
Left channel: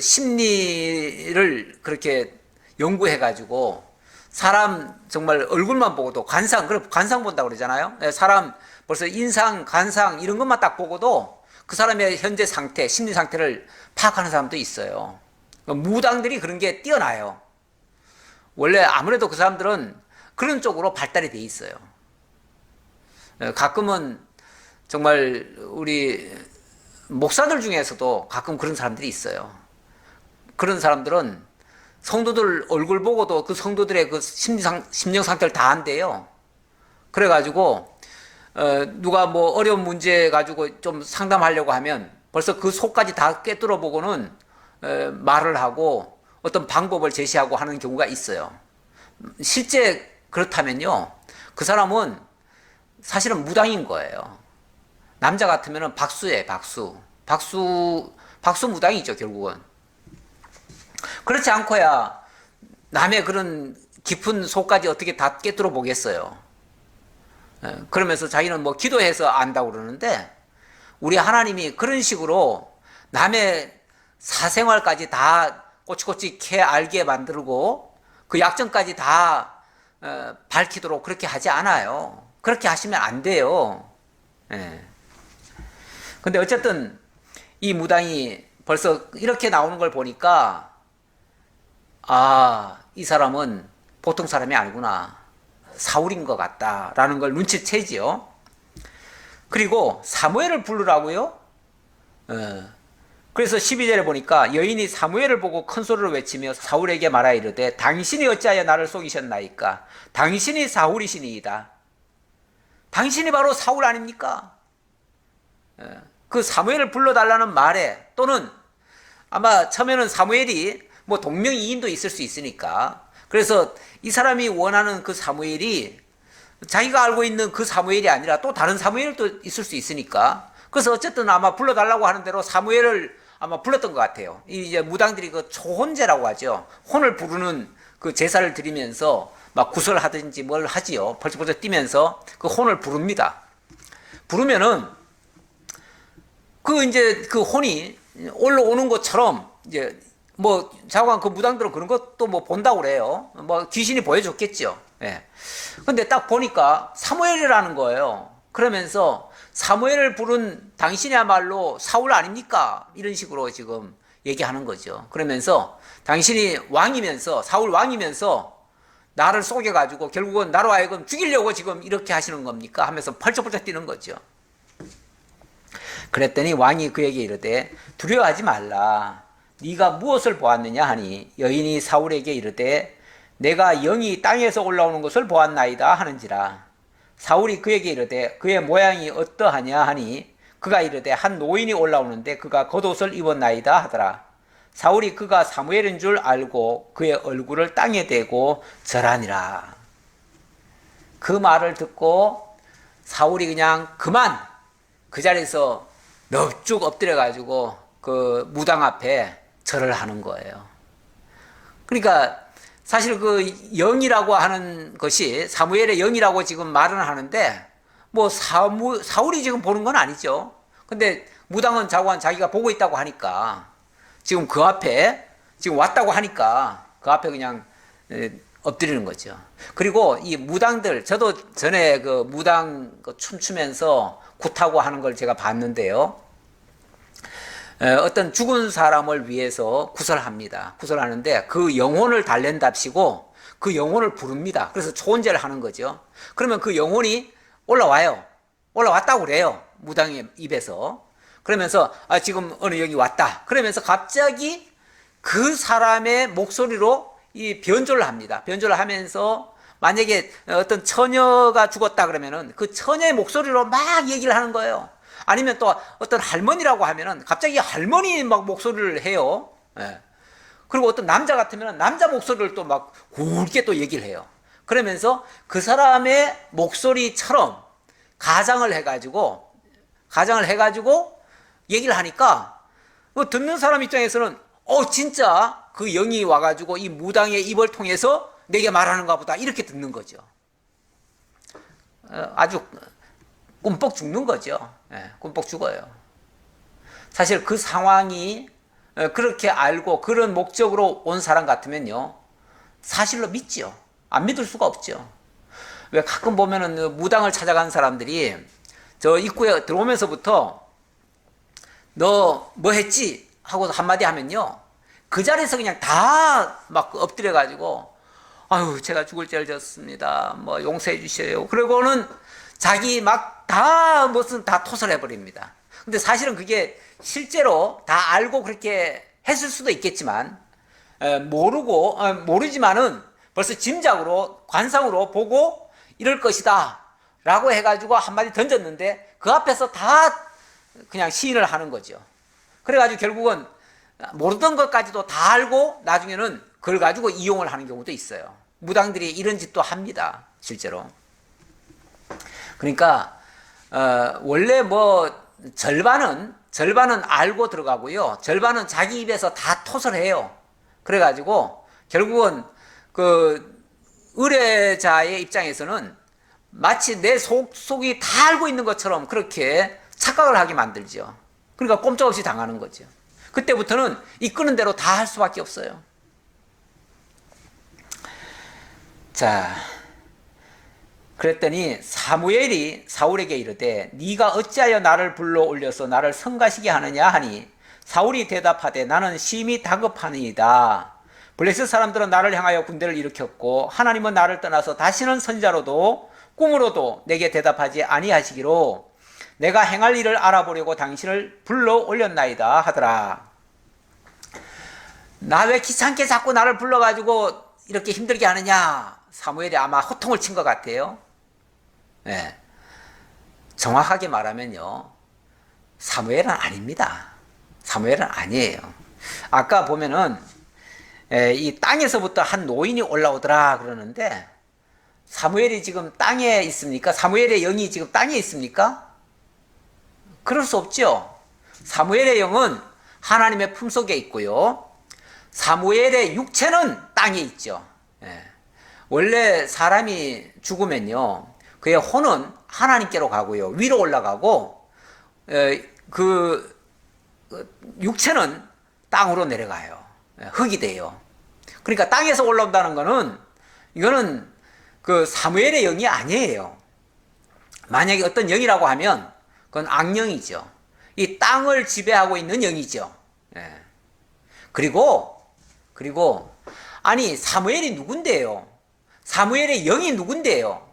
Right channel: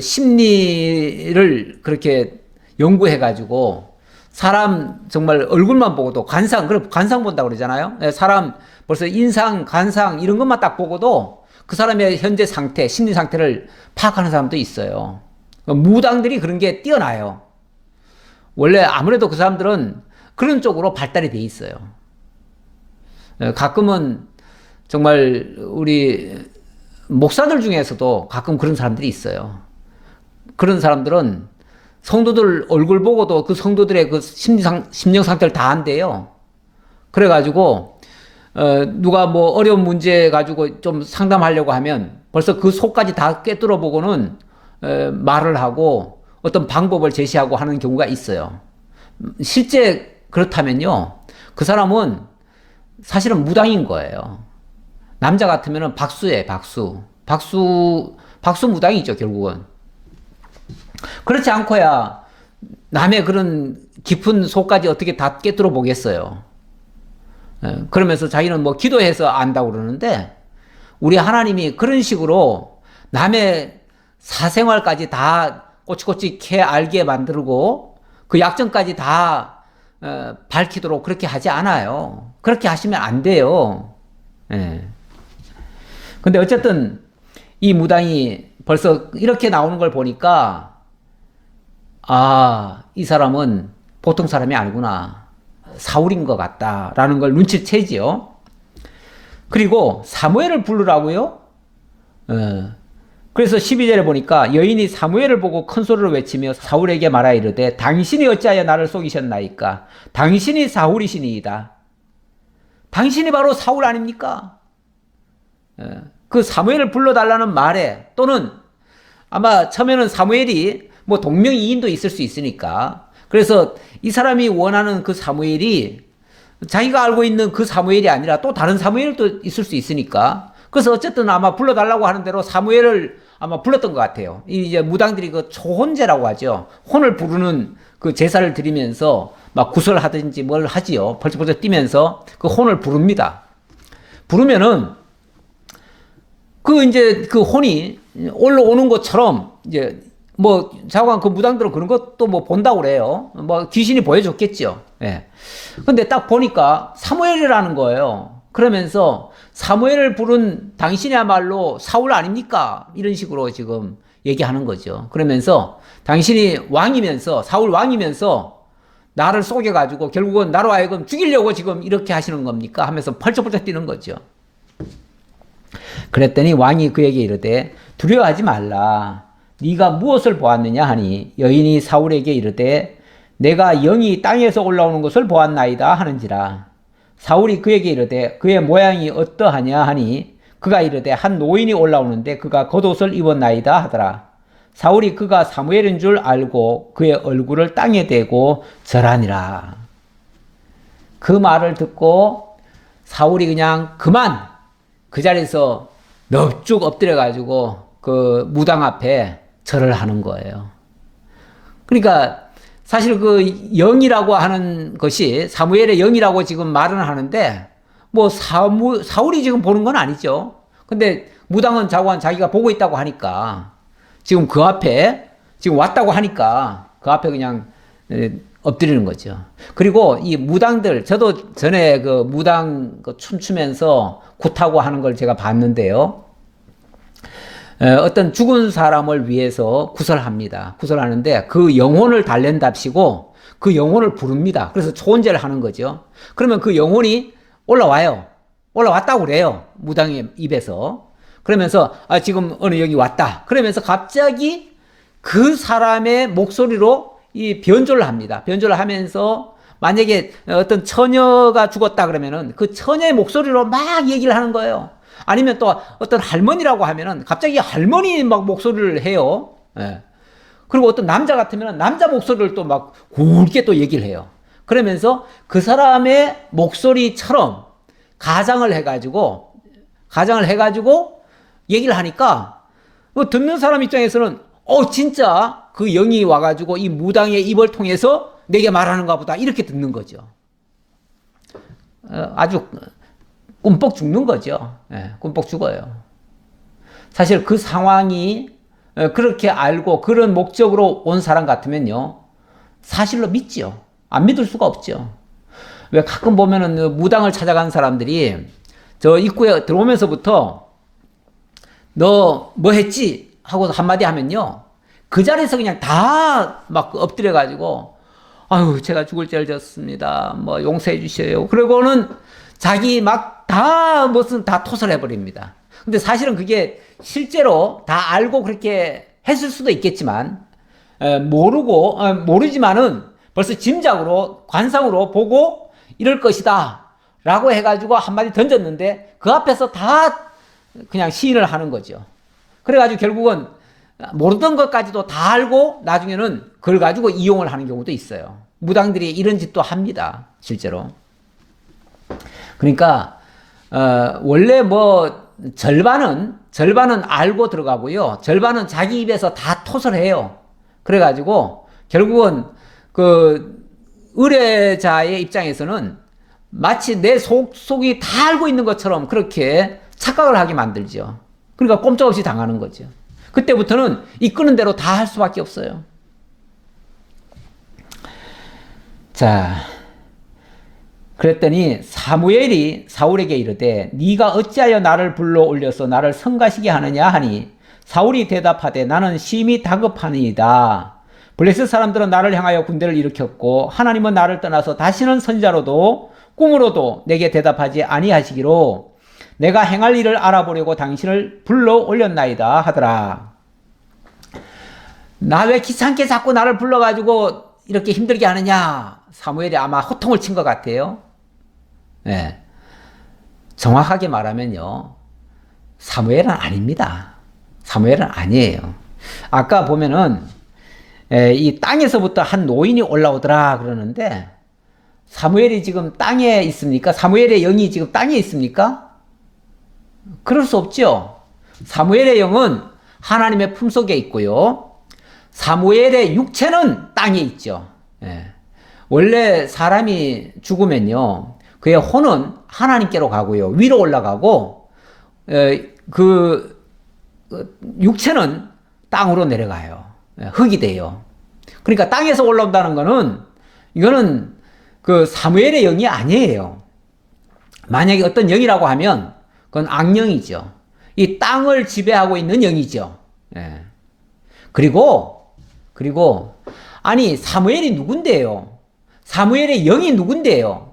심리를 그렇게 연구해가지고 사람 정말 얼굴만 보고도 관상 본다고 그러잖아요. 사람 벌써 인상, 관상 이런 것만 딱 보고도 그 사람의 현재 상태, 심리 상태를 파악하는 사람도 있어요. 무당들이 그런 게 뛰어나요. 원래 아무래도 그 사람들은 그런 쪽으로 발달이 돼 있어요. 가끔은 정말 우리 목사들 중에서도 가끔 그런 사람들이 있어요. 그런 사람들은 성도들 얼굴 보고도 그 성도들의 그 심령 상태를 다 안대요. 그래가지고 누가 뭐 어려운 문제 가지고 좀 상담하려고 하면 벌써 그 속까지 다 꿰뚫어 보고는 말을 하고 어떤 방법을 제시하고 하는 경우가 있어요. 실제 그렇다면요, 그 사람은 사실은 무당인 거예요. 남자 같으면은 박수예요, 박수 무당이죠, 결국은. 그렇지 않고야 남의 그런 깊은 속까지 어떻게 다 꿰뚫어 보겠어요. 그러면서 자기는 뭐 기도해서 안다고 그러는데, 우리 하나님이 그런 식으로 남의 사생활까지 다 꼬치꼬치 캐 알게 만들고 그 약점까지 다 밝히도록 그렇게 하지 않아요. 그렇게 하시면 안 돼요. 예. 근데 어쨌든 이 무당이 벌써 이렇게 나오는 걸 보니까 이 사람은 보통 사람이 아니구나. 사울인 것 같다라는 걸 눈치채지요. 그리고 사무엘을 부르라고요? 그래서 12절에 보니까 여인이 사무엘을 보고 큰 소리로 외치며 사울에게 말하 이르되 당신이 어찌하여 나를 속이셨나이까? 당신이 사울이시니이다. 당신이 바로 사울 아닙니까? 그 사무엘을 불러달라는 말에, 또는 아마 처음에는 사무엘이 뭐 동명이인도 있을 수 있으니까, 그래서 이 사람이 원하는 그 사무엘이 자기가 알고 있는 그 사무엘이 아니라 또 다른 사무엘도 있을 수 있으니까, 그래서 어쨌든 아마 불러달라고 하는 대로 사무엘을 아마 불렀던 것 같아요. 이제 무당들이 그 초혼제라고 하죠. 혼을 부르는 그 제사를 드리면서 막 구설하든지 뭘 하지요. 벌쩍벌쩍 뛰면서 그 혼을 부릅니다. 부르면은 그 이제 그 혼이 올라오는 것처럼 이제 뭐 자관 그 무당들은 그런 것도 뭐 본다고 그래요. 뭐 귀신이 보여줬겠죠. 예. 근데 딱 보니까 사무엘이라는 거예요. 그러면서 사무엘을 부른 당신이야말로 사울 아닙니까? 이런 식으로 지금 얘기하는 거죠. 그러면서 당신이 왕이면서, 사울 왕이면서 나를 속여가지고 결국은 나로 하여금 죽이려고 지금 이렇게 하시는 겁니까? 하면서 펄쩍펄쩍 뛰는 거죠. 그랬더니 왕이 그에게 이르되 두려워하지 말라. 네가 무엇을 보았느냐 하니 여인이 사울에게 이르되 내가 영이 땅에서 올라오는 것을 보았나이다 하는지라. 사울이 그에게 이르되 그의 모양이 어떠하냐 하니 그가 이르되 한 노인이 올라오는데 그가 겉옷을 입었나이다 하더라. 사울이 그가 사무엘인 줄 알고 그의 얼굴을 땅에 대고 절하니라. 그 말을 듣고 사울이 그냥 그만 그 자리에서 넙죽 엎드려 가지고 그 무당 앞에 절을 하는 거예요. 그러니까 사실 그 영이라고 하는 것이 사무엘의 영이라고 지금 말은 하는데 뭐 사울이 지금 보는 건 아니죠. 근데 무당은 자고한 자기가 보고 있다고 하니까 지금 그 앞에 지금 왔다고 하니까 그 앞에 그냥 엎드리는 거죠. 그리고 이 무당들, 저도 전에 그 무당 춤추면서 굿하고 하는 걸 제가 봤는데요. 어떤 죽은 사람을 위해서 구설합니다. 구설하는데 그 영혼을 달랜답시고 그 영혼을 부릅니다. 그래서 초혼제를 하는 거죠. 그러면 그 영혼이 올라와요. 올라왔다고 그래요. 무당의 입에서. 그러면서 지금 어느 영이 왔다. 그러면서 갑자기 그 사람의 목소리로 이 변조를 합니다. 변조를 하면서 만약에 어떤 처녀가 죽었다 그러면은 그 처녀의 목소리로 막 얘기를 하는 거예요. 아니면 또 어떤 할머니라고 하면은 갑자기 할머니 막 목소리를 해요. 예. 그리고 어떤 남자 같으면 남자 목소리를 또 막 굵게 또 얘기를 해요. 그러면서 그 사람의 목소리처럼 가장을 해가지고 얘기를 하니까 듣는 사람 입장에서는 진짜 그 영이 와가지고 이 무당의 입을 통해서 내게 말하는가 보다 이렇게 듣는 거죠. 아주 꿈뻑 죽는 거죠. 꿈뻑 죽어요. 사실 그 상황이 그렇게 알고 그런 목적으로 온 사람 같으면요, 사실로 믿지요. 안 믿을 수가 없죠. 왜 가끔 보면은 무당을 찾아간 사람들이 저 입구에 들어오면서부터 너 뭐 했지? 하고 한마디 하면요, 그 자리에서 그냥 다 막 엎드려 가지고 아유 제가 죽을 죄를 졌습니다. 뭐 용서해 주셔요. 그리고는 자기 막 다 무슨 다 토설해 버립니다. 근데 사실은 그게 실제로 다 알고 그렇게 했을 수도 있겠지만 모르지만은 벌써 짐작으로 관상으로 보고 이럴 것이다 라고 해가지고 한마디 던졌는데 그 앞에서 다 그냥 시인을 하는 거죠. 그래가지고 결국은 모르던 것까지도 다 알고 나중에는 그걸 가지고 이용을 하는 경우도 있어요. 무당들이 이런 짓도 합니다. 실제로. 그러니까 원래 뭐 절반은 알고 들어가고요. 절반은 자기 입에서 다 토설해요. 그래가지고 결국은 그 의뢰자의 입장에서는 마치 내 속이 다 알고 있는 것처럼 그렇게 착각을 하게 만들죠. 그러니까 꼼짝없이 당하는 거죠. 그때부터는 이끄는 대로 다 할 수밖에 없어요. 자, 그랬더니 사무엘이 사울에게 이르되 네가 어찌하여 나를 불러 올려서 나를 성가시게 하느냐 하니 사울이 대답하되 나는 심히 다급하니이다. 블레셋 사람들은 나를 향하여 군대를 일으켰고 하나님은 나를 떠나서 다시는 선지자로도 꿈으로도 내게 대답하지 아니하시기로 내가 행할 일을 알아보려고 당신을 불러 올렸나이다 하더라. 나 왜 귀찮게 자꾸 나를 불러가지고 이렇게 힘들게 하느냐. 사무엘이 아마 호통을 친 것 같아요. 네. 정확하게 말하면요, 사무엘은 아닙니다. 사무엘은 아니에요. 아까 보면은 이 땅에서부터 한 노인이 올라오더라 그러는데 사무엘이 지금 땅에 있습니까? 사무엘의 영이 지금 땅에 있습니까? 그럴 수 없죠. 사무엘의 영은 하나님의 품속에 있고요. 사무엘의 육체는 땅에 있죠. 원래 사람이 죽으면요, 그의 혼은 하나님께로 가고요, 위로 올라가고 그 육체는 땅으로 내려가요. 흙이 돼요. 그러니까 땅에서 올라온다는 거는 이거는 그 사무엘의 영이 아니에요. 만약에 어떤 영이라고 하면 그건 악령이죠. 이 땅을 지배하고 있는 영이죠. 그리고 아니 사무엘이 누군데요? 사무엘의 영이 누군데요?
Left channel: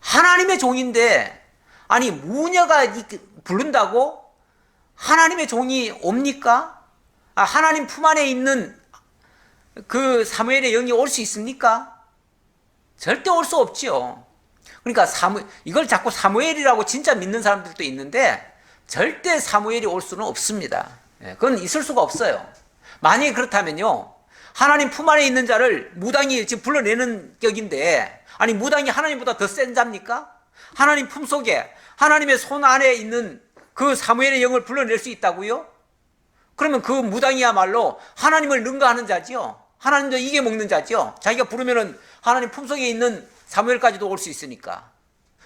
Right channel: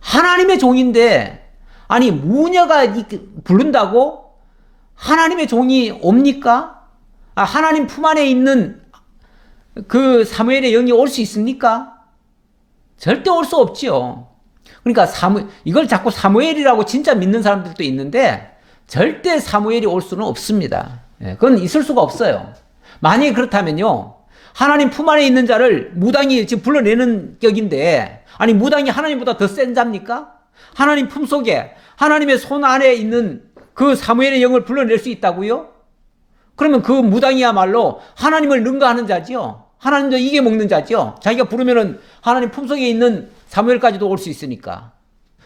하나님의 종인데 아니 무녀가 부른다고 하나님의 종이 옵니까? 하나님 품 안에 있는 그 사무엘의 영이 올 수 있습니까? 절대 올 수 없지요. 그러니까 이걸 자꾸 사무엘이라고 진짜 믿는 사람들도 있는데 절대 사무엘이 올 수는 없습니다. 그건 있을 수가 없어요. 만약에 그렇다면요, 하나님 품 안에 있는 자를 무당이 지금 불러내는 격인데 아니 무당이 하나님보다 더 센 자입니까? 하나님 품 속에 하나님의 손 안에 있는 그 사무엘의 영을 불러낼 수 있다고요? 그러면 그 무당이야말로 하나님을 능가하는 자지요. 하나님도 이겨 먹는 자죠. 자기가 부르면은 하나님 품속에 있는 사무엘까지도 올 수 있으니까.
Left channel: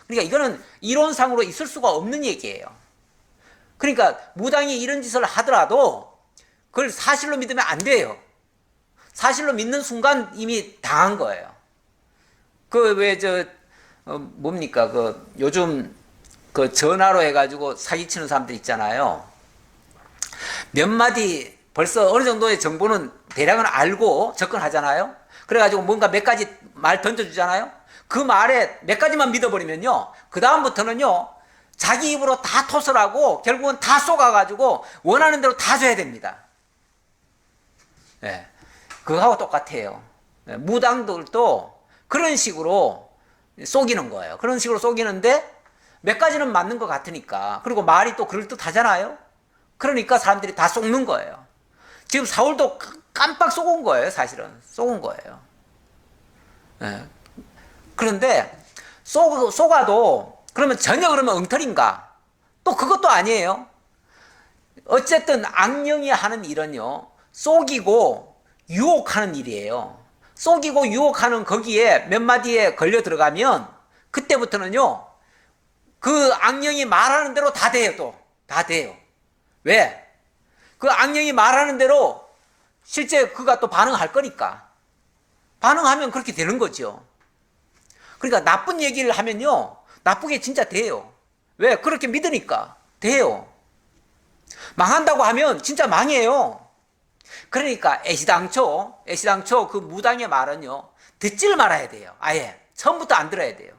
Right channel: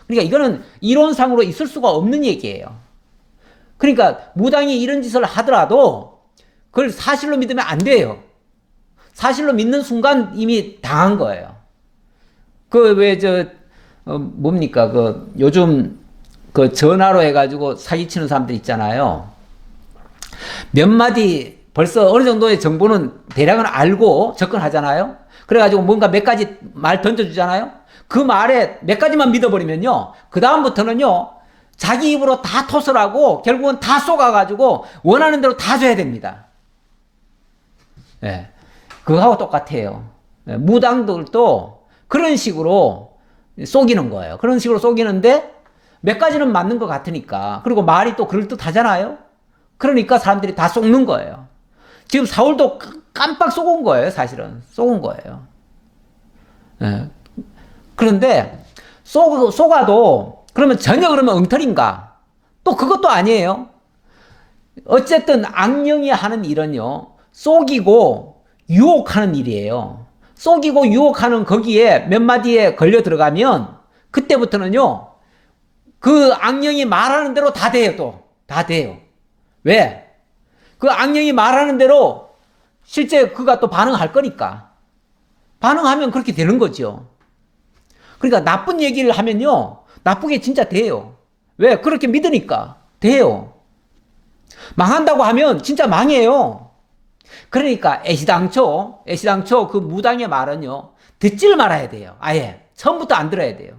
그러니까 이거는 이론상으로 있을 수가 없는 얘기예요. 그러니까 무당이 이런 짓을 하더라도 그걸 사실로 믿으면 안 돼요. 사실로 믿는 순간 이미 당한 거예요. 그 왜 뭡니까 그 요즘 그 전화로 해가지고 사기치는 사람들 있잖아요. 몇 마디 벌써 어느 정도의 정보는 대략은 알고 접근하잖아요. 그래가지고 뭔가 몇 가지 말 던져주잖아요. 그 말에 몇 가지만 믿어버리면요, 그 다음부터는요 자기 입으로 다 토설 하고 결국은 다 쏘가가지고 원하는 대로 다 줘야 됩니다. 예, 그거하고 똑같아요. 예, 무당들도 그런 식으로 속이는 거예요. 그런 식으로 속이는데 몇 가지는 맞는 것 같으니까, 그리고 말이 또 그럴듯하잖아요. 그러니까 사람들이 다 속는 거예요. 지금 사울도 깜빡 속은 거예요. 사실은 속은 거예요. 예. 그런데 속아도 그러면 전혀 그러면 엉터리인가? 또 그것도 아니에요. 어쨌든 악령이 하는 일은요, 속이고 유혹하는 일이에요. 속이고 유혹하는 거기에 몇 마디에 걸려 들어가면 그때부터는요 그 악령이 말하는 대로 다 돼요. 또 다 돼요. 왜? 그 악령이 말하는 대로 실제 그가 또 반응할 거니까. 반응하면 그렇게 되는 거죠. 그러니까 나쁜 얘기를 하면요 나쁘게 진짜 돼요. 왜? 그렇게 믿으니까 돼요. 망한다고 하면 진짜 망해요. 그러니까 애시당초 그 무당의 말은요 듣질 말아야 돼요. 아예 처음부터 안 들어야 돼요.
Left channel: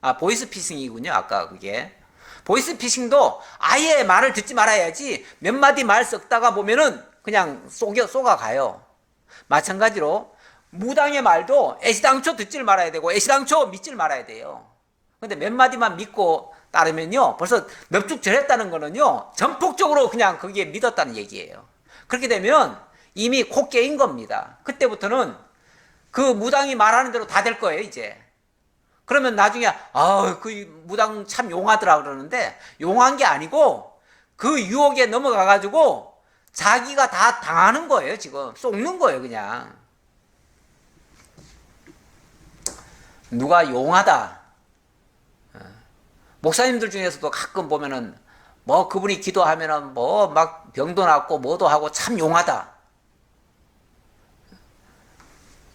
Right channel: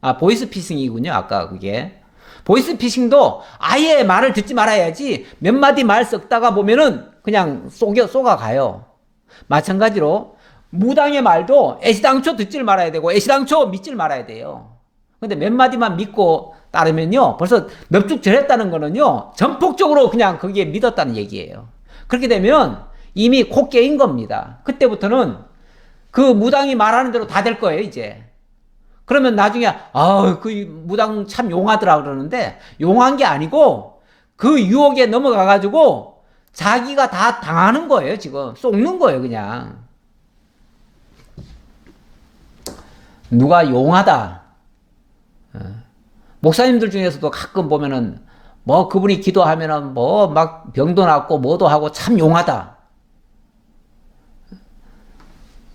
아, 보이스피싱이군요. 아까 그게 보이스피싱도 아예 말을 듣지 말아야지. 몇 마디 말 썩다가 보면은 그냥 쏘가가요. 마찬가지로 무당의 말도 애시당초 듣질 말아야 되고 애시당초 믿질 말아야 돼요. 근데 몇 마디만 믿고 따르면요 벌써 넙죽절했다는 거는요 전폭적으로 그냥 거기에 믿었다는 얘기예요. 그렇게 되면 이미 코 깨인 겁니다. 그때부터는 그 무당이 말하는 대로 다 될 거예요. 이제 그러면 나중에 그 무당 참 용하더라 그러는데, 용한 게 아니고 그 유혹에 넘어가 가지고 자기가 다 당하는 거예요. 지금 속는 거예요. 그냥 누가 용하다, 목사님들 중에서도 가끔 보면은 뭐 그분이 기도하면은 뭐 막 병도 낫고 뭐도 하고 참 용하다,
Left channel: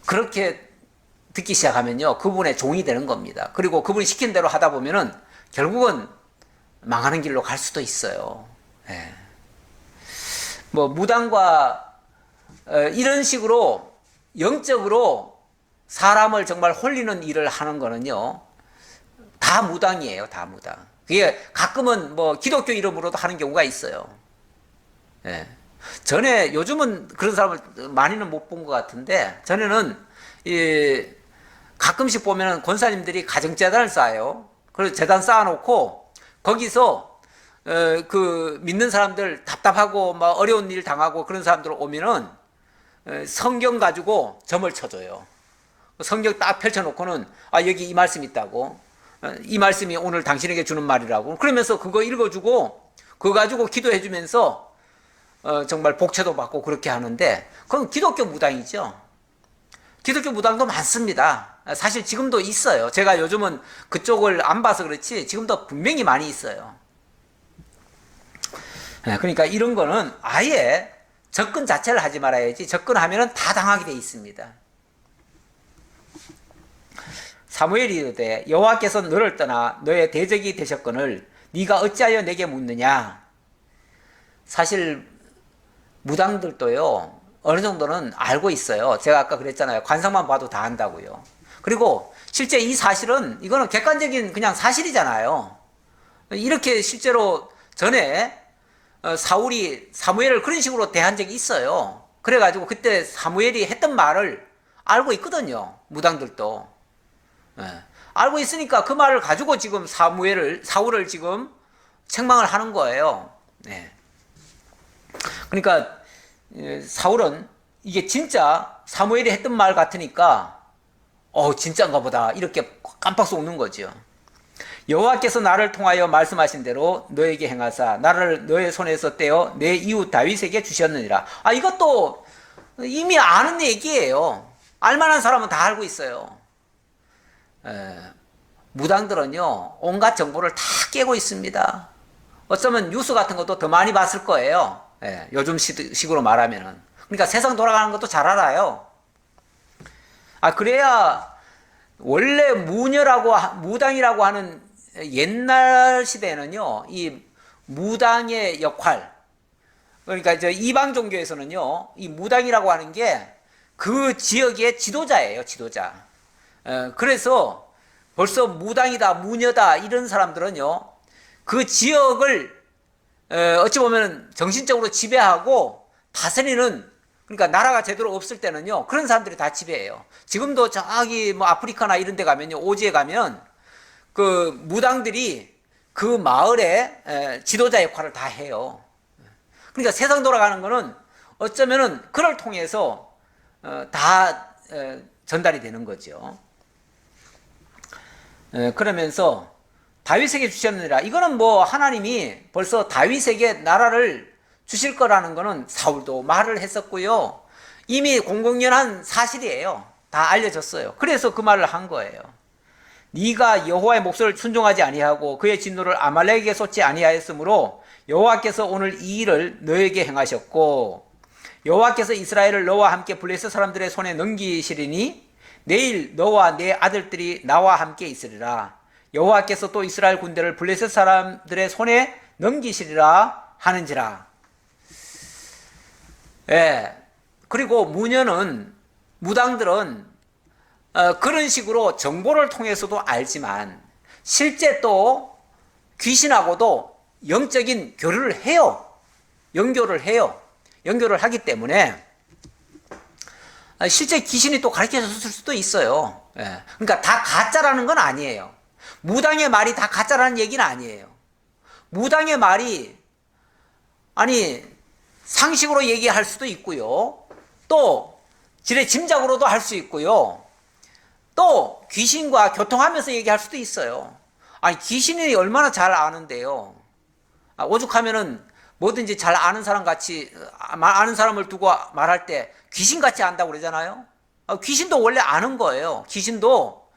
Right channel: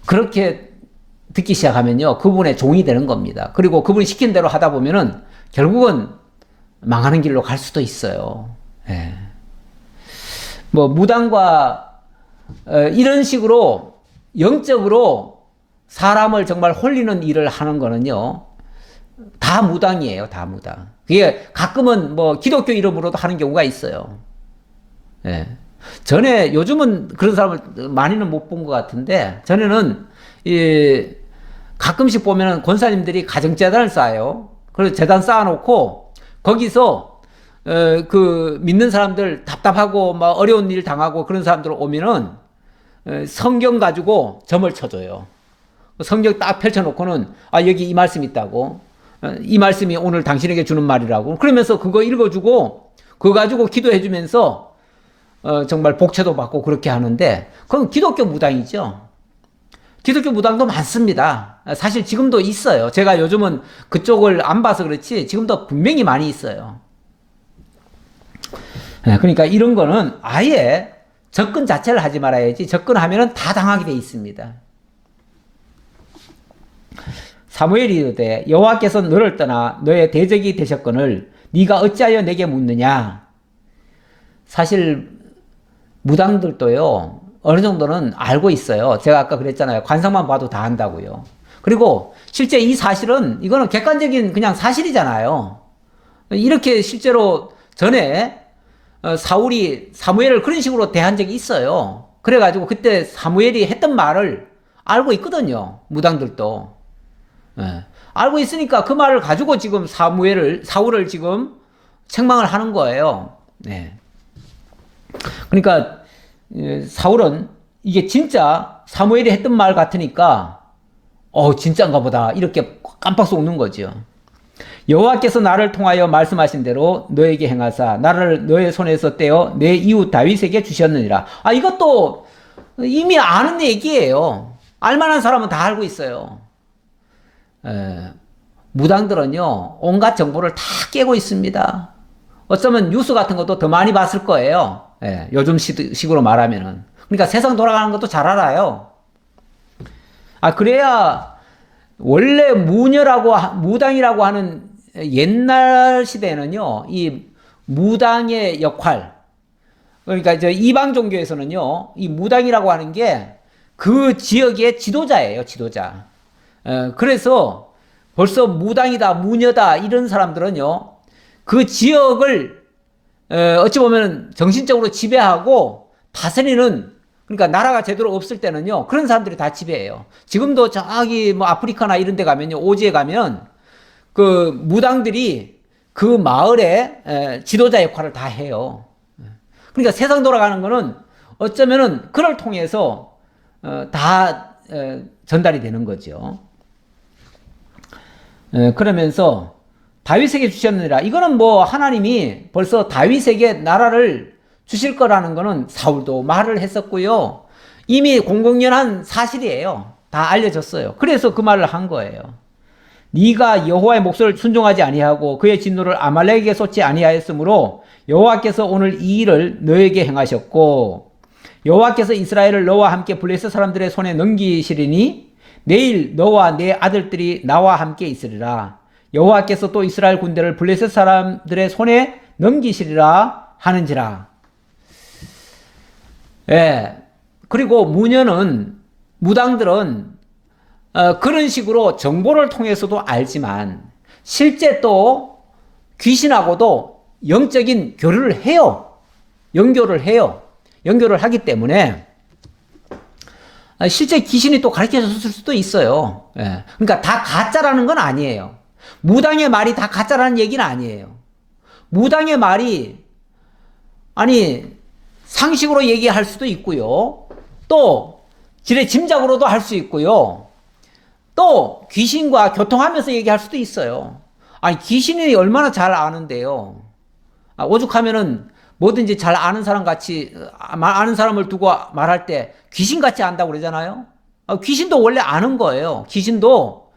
그렇게 듣기 시작하면요 그분의 종이 되는 겁니다. 그리고 그분이 시킨 대로 하다 보면은 결국은 망하는 길로 갈 수도 있어요. 예. 뭐 무당과 이런 식으로 영적으로 사람을 정말 홀리는 일을 하는 거는요 다 무당이에요. 다 무당. 그게 가끔은 뭐 기독교 이름으로도 하는 경우가 있어요. 예. 전에, 요즘은 그런 사람을 많이는 못 본 것 같은데, 전에는 가끔씩 보면은 권사님들이 가정재단을 쌓아요. 그래서 재단 쌓아놓고 거기서 그 믿는 사람들 답답하고 막 어려운 일 당하고 그런 사람들 오면은 성경 가지고 점을 쳐줘요. 성경 딱 펼쳐놓고는 여기 이 말씀 있다고, 이 말씀이 오늘 당신에게 주는 말이라고 그러면서 그거 읽어주고 그거 가지고 기도해주면서 정말 복채도 받고 그렇게 하는데, 그건 기독교 무당이죠. 기독교 무당도 많습니다. 사실 지금도 있어요. 제가 요즘은 그쪽을 안 봐서 그렇지 지금도 분명히 많이 있어요. 그러니까 이런 거는 아예 접근 자체를 하지 말아야지. 접근하면은 다 당하게 돼 있습니다. 사무엘이 이르되 여호와께서 너를 떠나 너의 대적이 되셨거늘 네가 어찌하여 내게 묻느냐. 사실 무당들도요 어느 정도는 알고 있어요. 제가 아까 그랬잖아요. 관상만 봐도 다 안다고요. 그리고 실제 이 사실은, 이거는 객관적인 그냥 사실이잖아요. 이렇게 실제로 전에 사울이 사무엘을 그런 식으로 대한 적이 있어요. 그래가지고 그때 사무엘이 했던 말을 알고 있거든요. 무당들도. 알고 있으니까 그 말을 가지고 지금 사울을 지금 책망을 하는 거예요. 그러니까 사울은 이게 진짜 사무엘이 했던 말 같으니까 진짜인가 보다 이렇게 깜빡 속는 거죠. 여호와께서 나를 통하여 말씀하신 대로 너에게 행하사 나를 너의 손에서 떼어 내 이웃 다윗에게 주셨느니라. 이것도 이미 아는 얘기예요. 알만한 사람은 다 알고 있어요. 무당들은요, 온갖 정보를 다 깨고 있습니다. 어쩌면 뉴스 같은 것도 더 많이 봤을 거예요. 요즘 식으로 말하면은. 그러니까 세상 돌아가는 것도 잘 알아요. 그래야 원래 무당이라고 하는 옛날 시대에는요, 이 무당의 역할, 그러니까 이제 이방 종교에서는요, 이 무당이라고 하는 게 그 지역의 지도자예요, 지도자. 그래서 벌써 무당이다, 무녀다, 이런 사람들은요, 그 지역을, 어찌 보면 정신적으로 지배하고 다스리는, 그러니까 나라가 제대로 없을 때는요, 그런 사람들이 다 지배해요. 지금도 저기 뭐 아프리카나 이런 데 가면요, 오지에 가면 그 무당들이 그 마을의 지도자 역할을 다 해요. 그러니까 세상 돌아가는 거는 어쩌면은 그를 통해서 다 전달이 되는 거죠. 그러면서 다윗에게 주셨느니라. 이거는 뭐 하나님이 벌써 다윗에게 나라를 주실 거라는 거는 사울도 말을 했었고요. 이미 공공연한 사실이에요. 다 알려졌어요. 그래서 그 말을 한 거예요. 네가 여호와의 목소리를 순종하지 아니하고 그의 진노를 아말렉에게 쏟지 아니하였으므로 여호와께서 오늘 이 일을 너에게 행하셨고 여호와께서 이스라엘을 너와 함께 블레셋 사람들의 손에 넘기시리니 내일 너와 내 아들들이 나와 함께 있으리라. 여호와께서 또 이스라엘 군대를 블레셋 사람들의 손에 넘기시리라 하는지라. 그리고 무당들은 그런 식으로 정보를 통해서도 알지만 실제 또 귀신하고도 영적인 교류를 해요. 연교를 하기 때문에 실제 귀신이 또 가르쳐 줬을 수도 있어요. 그러니까 다 가짜라는 건 아니에요. 무당의 말이 다 가짜라는 얘기는 아니에요. 무당의 말이 상식으로 얘기할 수도 있고요. 또 지레 짐작으로도 할 수 있고요. 또 귀신과 교통하면서 얘기할 수도 있어요. 귀신이 얼마나 잘 아는데요. 오죽하면은 뭐든지 잘 아는 사람 같이, 아는 사람을 두고 말할 때 귀신같이 안다고 그러잖아요. 귀신도 원래 아는 거예요. 귀신도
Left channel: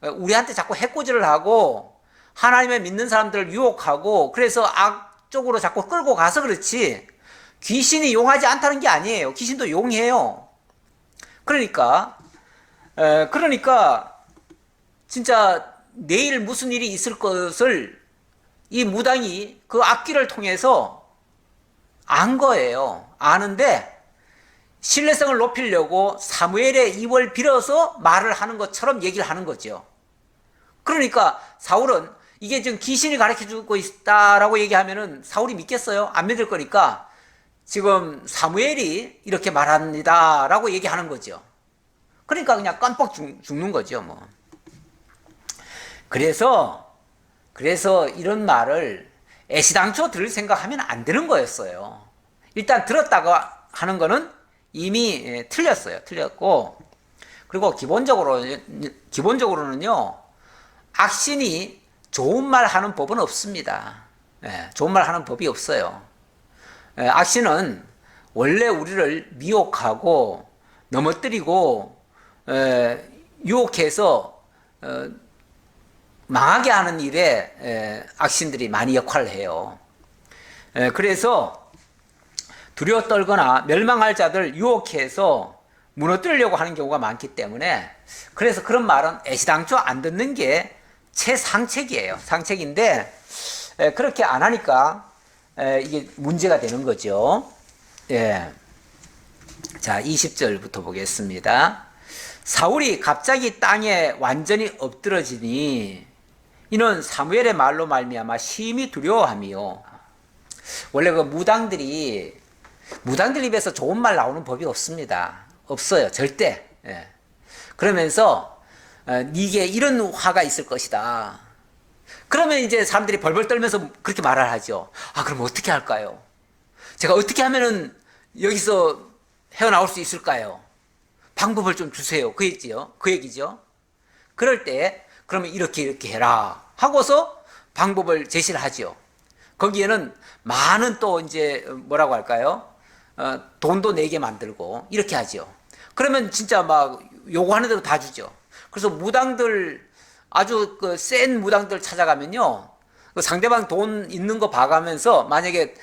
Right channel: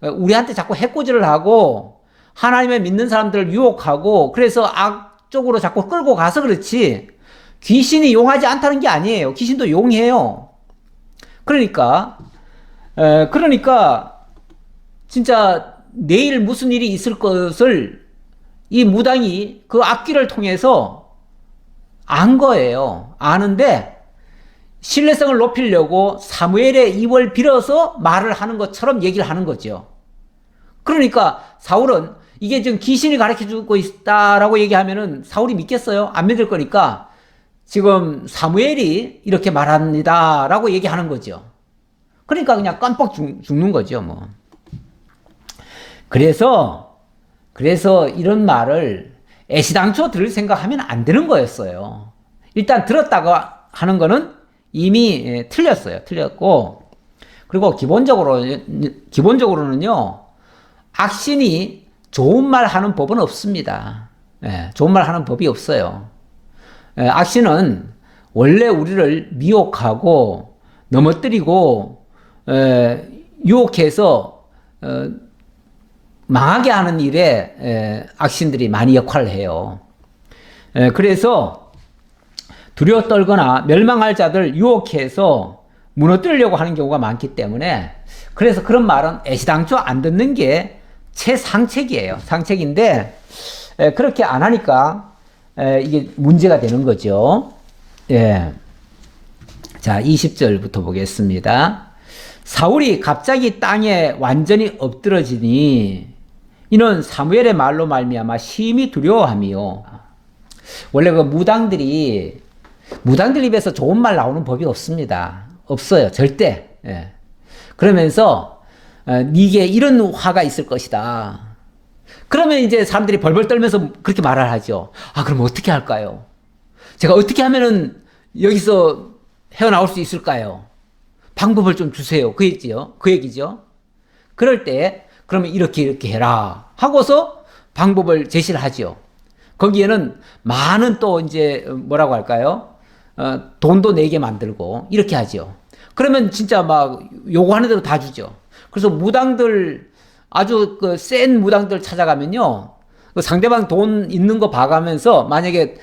우리한테 자꾸 해코지를 하고 하나님을 믿는 사람들을 유혹하고 그래서 악 쪽으로 자꾸 끌고 가서 그렇지 귀신이 용하지 않다는 게 아니에요. 귀신도 용해요. 그러니까 진짜 내일 무슨 일이 있을 것을 이 무당이 그 악기를 통해서 안 거예요. 아는데 신뢰성을 높이려고 사무엘의 입을 빌어서 말을 하는 것처럼 얘기를 하는 거죠. 그러니까 사울은 이게 지금 귀신이 가르쳐주고 있다라고 얘기하면은 사울이 믿겠어요? 안 믿을 거니까 지금 사무엘이 이렇게 말합니다라고 얘기하는 거죠. 그러니까 그냥 깜빡 죽는 거죠, 뭐. 그래서 이런 말을 애시당초 들을 생각하면 안 되는 거였어요. 일단 들었다고 하는 거는 이미 틀렸고, 그리고 기본적으로는요, 악신이 좋은 말 하는 법은 없습니다. 좋은 말 하는 법이 없어요. 악신은 원래 우리를 미혹하고 넘어뜨리고 유혹해서 망하게 하는 일에 악신들이 많이 역할을 해요. 그래서 두려워 떨거나 멸망할 자들 유혹해서 무너뜨리려고 하는 경우가 많기 때문에 그래서 그런 말은 애시당초 안 듣는 게 최상책이에요. 상책인데 그렇게 안 하니까 이게 문제가 되는 거죠. 자, 20절부터 보겠습니다. 사울이 갑자기 땅에 완전히 엎드러지니 이는 사무엘의 말로 말미암아 심히 두려워함이요. 원래 그 무당들 입에서 좋은 말 나오는 법이 없습니다. 없어요, 절대. 그러면서 네게 이런 화가 있을 것이다. 그러면 이제 사람들이 벌벌 떨면서 그렇게 말을 하죠. 그럼 어떻게 할까요? 제가 어떻게 하면은 여기서 헤어나올 수 있을까요? 방법을 좀 주세요. 그 얘기죠. 그럴 때 그러면 이렇게 해라 하고서 방법을 제시를 하죠. 거기에는 많은 또 이제 뭐라고 할까요? 돈도 내게 만들고 이렇게 하죠. 그러면 진짜 막 요구하는 대로 다 주죠. 그래서 무당들 아주 그 센 무당들 찾아가면요. 그 상대방 돈 있는 거 봐가면서 만약에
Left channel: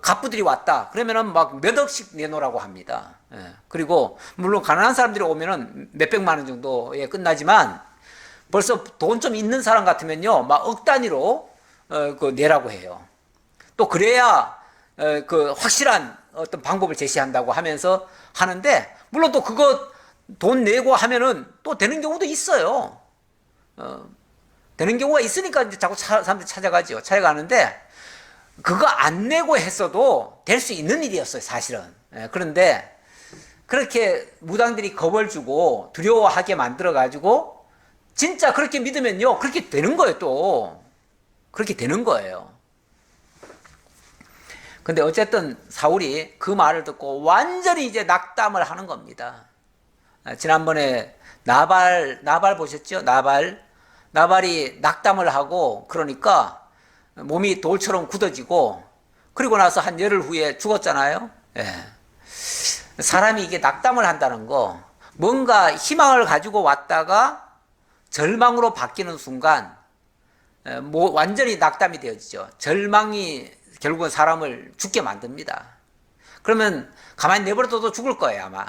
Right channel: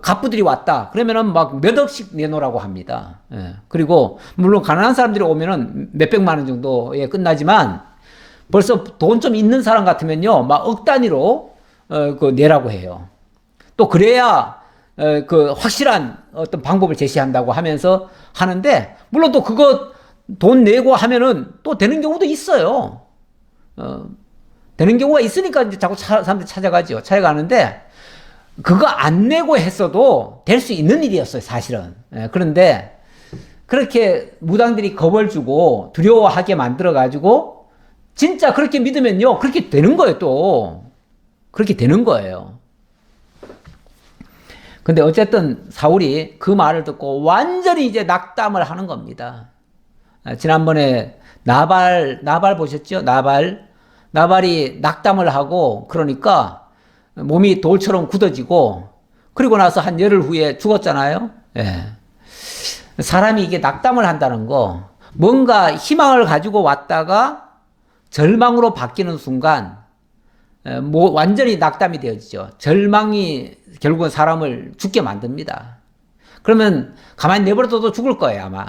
갑부들이 왔다 그러면은 막 몇 억씩 내놓으라고 합니다. 예. 그리고 물론 가난한 사람들이 오면은 몇백만 원 정도에 끝나지만 벌써 돈 좀 있는 사람 같으면요 막 억 단위로 그 내라고 해요. 또 그래야 그 확실한 어떤 방법을 제시한다고 하면서 하는데 물론 또 그거 돈 내고 하면은 또 되는 경우도 있어요. 되는 경우가 있으니까 이제 자꾸 사람들이 찾아가죠. 찾아가는데 그거 안 내고 했어도 될 수 있는 일이었어요, 사실은. 그런데 그렇게 무당들이 겁을 주고 두려워하게 만들어가지고 진짜 그렇게 믿으면요, 그렇게 되는 거예요, 또. 그렇게 되는 거예요. 근데 어쨌든 사울이 그 말을 듣고 완전히 이제 낙담을 하는 겁니다. 지난번에 나발 보셨죠? 나발이 낙담을 하고 그러니까 몸이 돌처럼 굳어지고 그리고 나서 한 열흘 후에 죽었잖아요. 예. 사람이 이게 낙담을 한다는 거 뭔가 희망을 가지고 왔다가 절망으로 바뀌는 순간 뭐 완전히 낙담이 되어지죠. 절망이 결국은 사람을 죽게 만듭니다. 그러면 가만히 내버려둬도 죽을 거예요, 아마.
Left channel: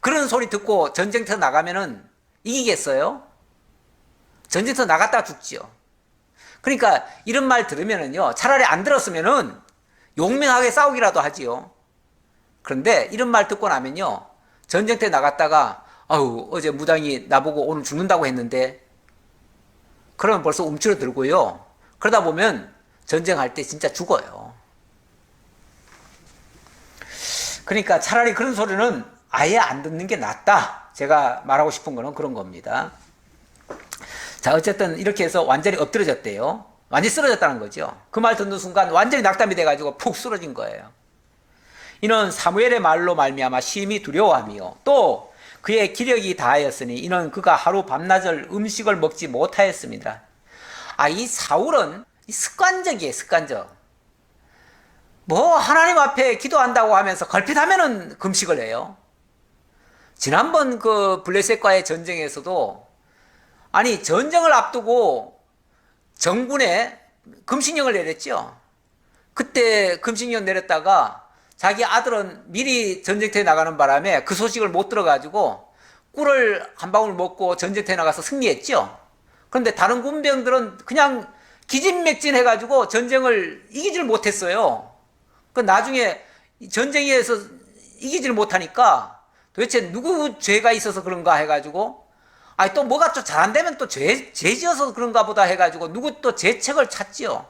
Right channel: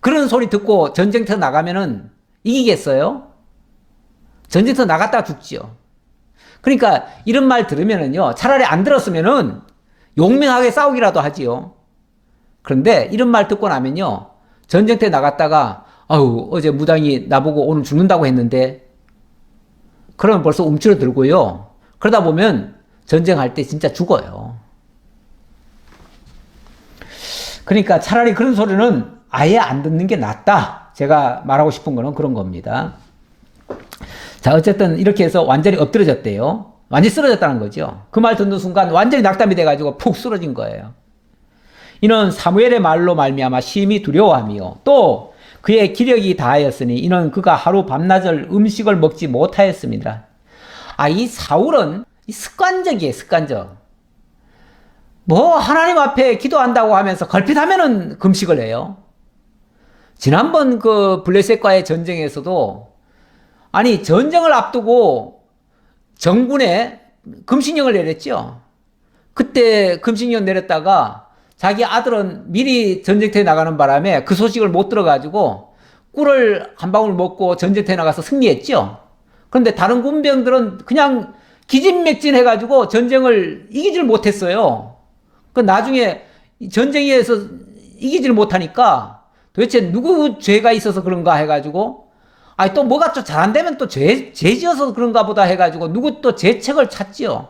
그런 소리 듣고 전쟁터 나가면은 이기겠어요? 전쟁터 나갔다가 죽지요. 그러니까 이런 말 들으면은요, 차라리 안 들었으면은 용맹하게 싸우기라도 하지요. 그런데 이런 말 듣고 나면요, 전쟁터에 나갔다가 아우 어제 무당이 나보고 오늘 죽는다고 했는데 그러면 벌써 움츠러들고요. 그러다 보면 전쟁할 때 진짜 죽어요. 그러니까 차라리 그런 소리는 아예 안 듣는 게 낫다. 제가 말하고 싶은 거는 그런 겁니다. 자, 어쨌든 이렇게 해서 완전히 엎드려졌대요. 완전히 쓰러졌다는 거죠. 그 말 듣는 순간 완전히 낙담이 돼가지고 푹 쓰러진 거예요. 이는 사무엘의 말로 말미암아 심히 두려워하며 또 그의 기력이 다하였으니 이는 그가 하루 밤낮을 음식을 먹지 못하였습니다. 이 사울은 습관적이에요, 습관적. 뭐 하나님 앞에 기도한다고 하면서 걸핏하면은 금식을 해요. 지난번 그 블레셋과의 전쟁에서도 아니 전쟁을 앞두고 정군에 금식령을 내렸죠. 그때 금식령 내렸다가 자기 아들은 미리 전쟁터에 나가는 바람에 그 소식을 못 들어가지고 꿀을 한 방울 먹고 전쟁터에 나가서 승리했죠. 그런데 다른 군병들은 그냥 기진맥진해가지고 전쟁을 이기질 못했어요. 그 나중에 전쟁에서 이기질 못하니까 도대체 누구 죄가 있어서 그런가 해가지고 또 뭐가 또 잘 안 되면 또 죄 지어서 그런가 보다 해가지고 누구 또 죄책을 찾지요.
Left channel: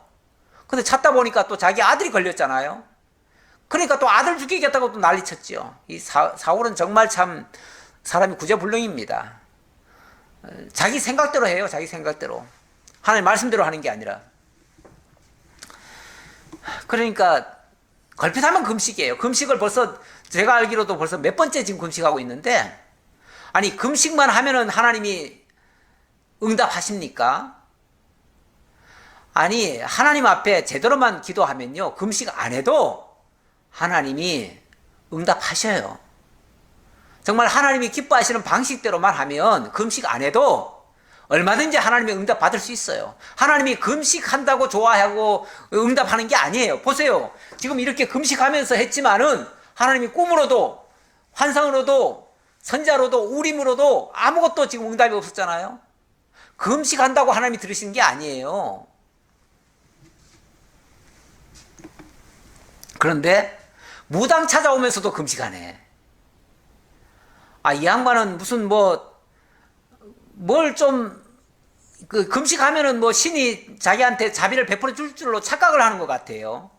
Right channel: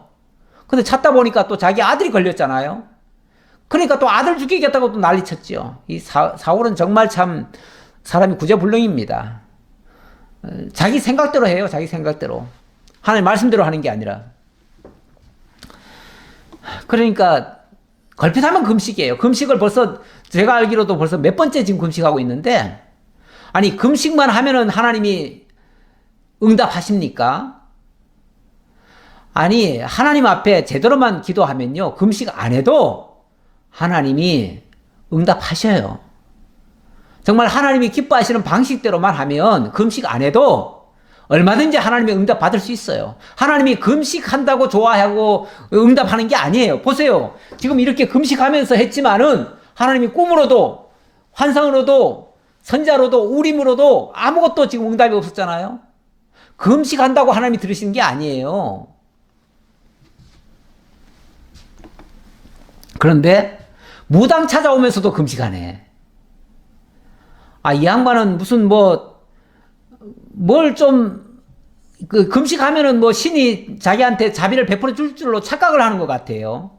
근데 찾다 보니까 또 자기 아들이 걸렸잖아요. 그러니까 또 아들 죽이겠다고 또 난리 쳤지요. 이 사울은 정말 참 사람이 구제불능입니다. 자기 생각대로 해요. 자기 생각대로. 하나님 말씀대로 하는 게 아니라. 그러니까 걸핏하면 금식이에요. 금식을 벌써 제가 알기로도 벌써 몇 번째 지금 금식하고 있는데 아니 금식만 하면은 하나님이 응답하십니까? 아니 하나님 앞에 제대로만 기도하면요 금식 안 해도 하나님이 응답하셔요. 정말 하나님이 기뻐하시는 방식대로만 하면 금식 안 해도 얼마든지 하나님의 응답 받을 수 있어요. 하나님이 금식한다고 좋아하고 응답하는 게 아니에요. 보세요. 지금 이렇게 금식하면서 했지만은 하나님이 꿈으로도 환상으로도 선자로도 우림으로도 아무것도 지금 응답이 없었잖아요. 금식한다고 하나님이 들으시는 게 아니에요. 그런데 무당 찾아오면서도 금식하네. 이 양반은 무슨 금식하면은 신이 자기한테 자비를 베풀어 줄 줄로 착각을 하는 것 같아요.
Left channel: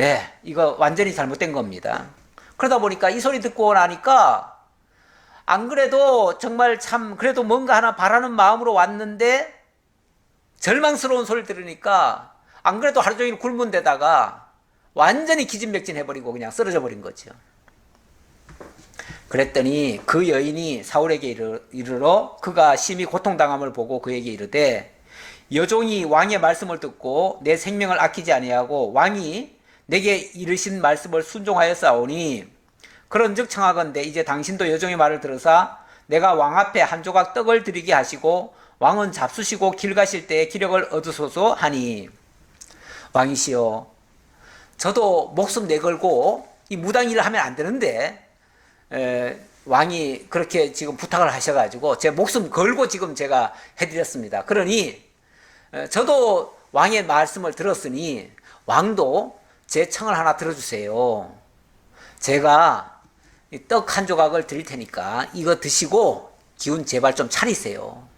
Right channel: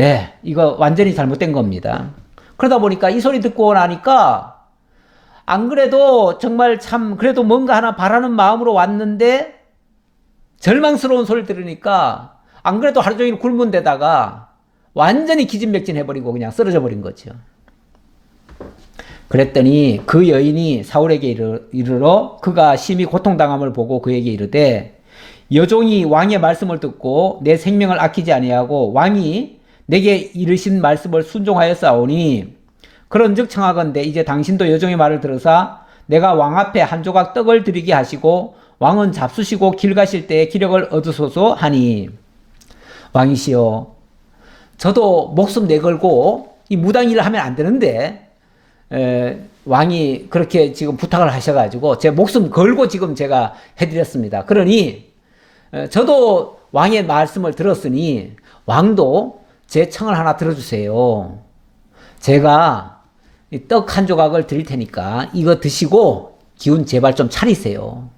예, 이거 완전히 잘못된 겁니다. 그러다 보니까 이 소리 듣고 나니까 안 그래도 정말 참 그래도 뭔가 하나 바라는 마음으로 왔는데 절망스러운 소리를 들으니까 안 그래도 하루 종일 굶은 데다가 완전히 기진맥진 해버리고 그냥 쓰러져 버린 거죠. 그랬더니 그 여인이 사울에게 이르러 그가 심히 고통당함을 보고 그에게 이르되 여종이 왕의 말씀을 듣고 내 생명을 아끼지 아니하고 왕이 내게 이르신 말씀을 순종하였사오니 그런즉 청하건대 이제 당신도 여종의 말을 들으사 내가 왕 앞에 한 조각 떡을 드리게 하시고 왕은 잡수시고 길 가실 때에 기력을 얻으소서 하니 왕이시여 저도 목숨 내걸고 이 무당 일을 하면 안 되는데 왕이 그렇게 지금 부탁을 하셔가지고 제 목숨 걸고 지금 제가 해드렸습니다. 그러니 저도 왕의 말씀을 들었으니 왕도 제 청을 하나 들어주세요. 제가 떡 한 조각을 드릴 테니까 이거 드시고 기운 제발 좀 차리세요.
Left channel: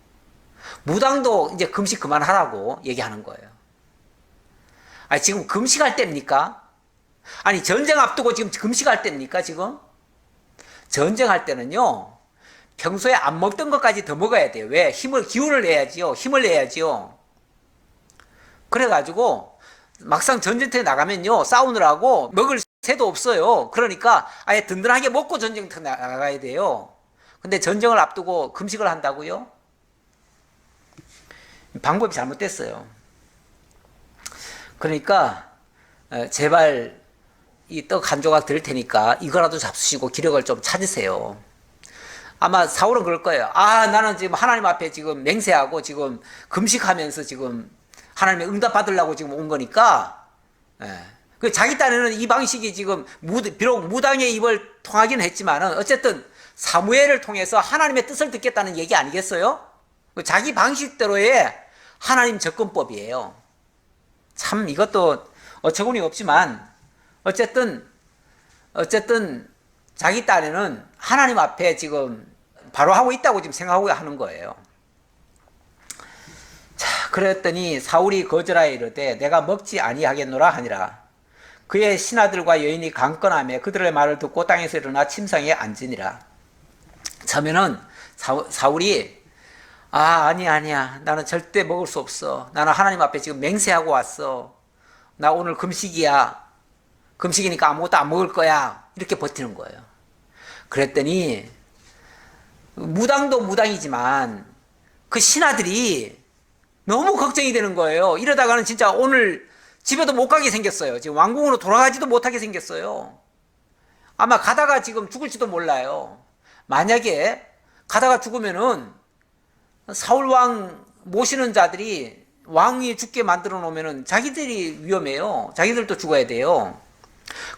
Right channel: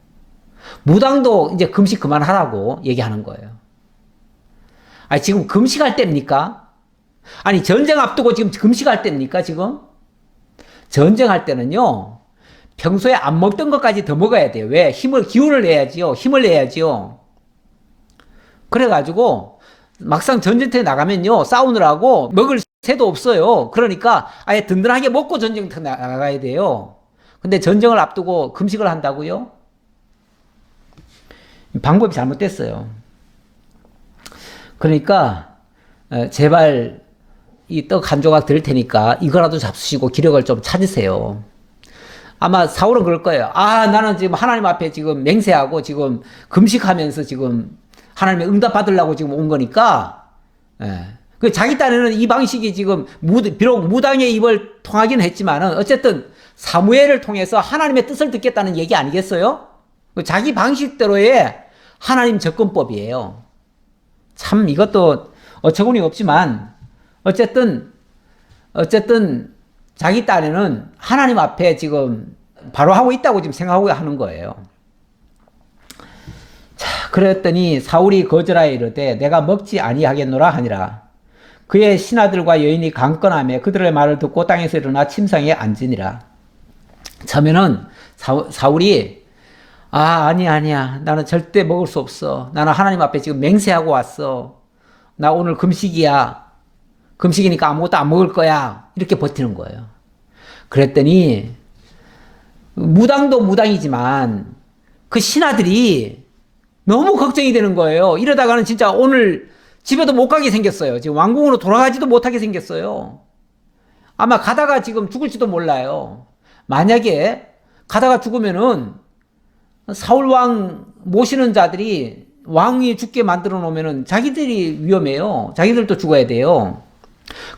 무당도 이제 금식 그만하라고 얘기하는 거예요. 아니 지금 금식할 때입니까? 아니 전쟁 앞두고 지금 금식할 때입니까 지금? 전쟁할 때는요 평소에 안 먹던 것까지 더 먹어야 돼요. 왜? 기운을 내야지요. 힘을 내야지요. 그래가지고 막상 전쟁터에 나가면요 싸우느라고 먹을 새도 없어요. 그러니까 아예 든든하게 먹고 전쟁터 나가야 돼요. 근데 전쟁을 앞두고 금식을 한다고요? 방법이 잘못됐어요. 그러니까 제발 이 떡 한 조각 드릴 테니까 이거라도 잡수시고 기력을 좀 찾으세요. 아마 사울은 그럴 거예요. 아 나는 지금 하나님 앞에 지금 맹세하고 지금 금식하면서 지금 하나님의 응답 받으려고 지금 온 거니까 그 자기 딴에는 이 방식이 지금 비록 무당의 입을 통하기는 했지만은 어쨌든 사무엘을 통해서 하나님의 뜻을 듣겠다는 얘기 아니겠어요? 자기 방식대로의 하나님 접근법이에요. 참 이것도 어처구니 없지만 어쨌든 자기 딴에는 하나님 앞에 지금 바로 하고 있다고 지금 생각하고 하는 거예요. 자, 그랬더니 사울이 거절하여 이르되 내가 먹지 아니하겠노라 하니라. 그의 신하들과 여인이 강건하며 그들의 말을 듣고 땅에서 일어나 침상에 앉으니라. 처음에는 사울이 아니야 나는 절대 먹을 수 없어. 나는 하나님 앞에 지금 맹세하고 왔어. 나 오늘 금식이야. 금식이니까 아무것도 안 먹을 거야. 이렇게 버티는 거예요. 그랬더니 무당도 무당이지만 그 신하들이 너무 걱정이 되는 거예요. 이러다가는 진짜 오늘 집에도 못 가게 생겼어요. 지금 왕궁으로 돌아가지도 못하게 생겼어요. 아마 가다가 지금 죽을지도 몰라요. 만약에 가다가 죽으면은 사울 왕 모시는 자들이 왕이 죽게 만들어 놓으면은 자기들이 위험해요. 자기들도 죽어야 돼요.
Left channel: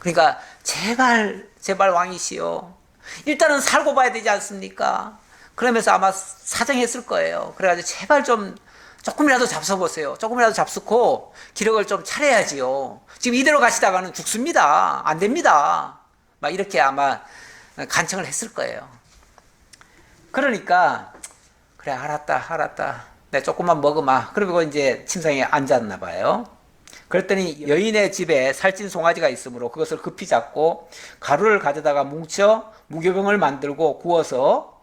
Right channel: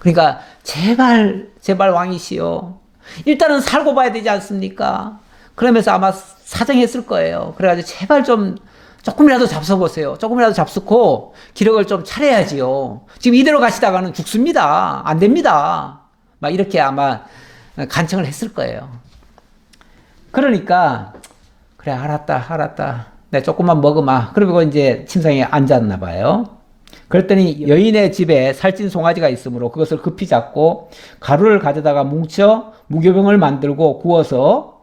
그러니까 제발 왕이시여. 일단은 살고 봐야 되지 않습니까? 그러면서 아마 사정했을 거예요. 그래가지고 제발 조금이라도 잡숴보세요. 조금이라도 잡수고 기력을 좀 차려야지요. 지금 이대로 가시다가는 죽습니다. 안 됩니다. 막 이렇게 아마 간청을 했을 거예요. 그러니까 그래 알았다. 내가 조금만 먹으마. 그리고 이제 침상에 앉았나 봐요. 그랬더니 여인의 집에 살찐 송아지가 있으므로 그것을 급히 잡고 가루를 가져다가 뭉쳐 무교병을 만들고 구워서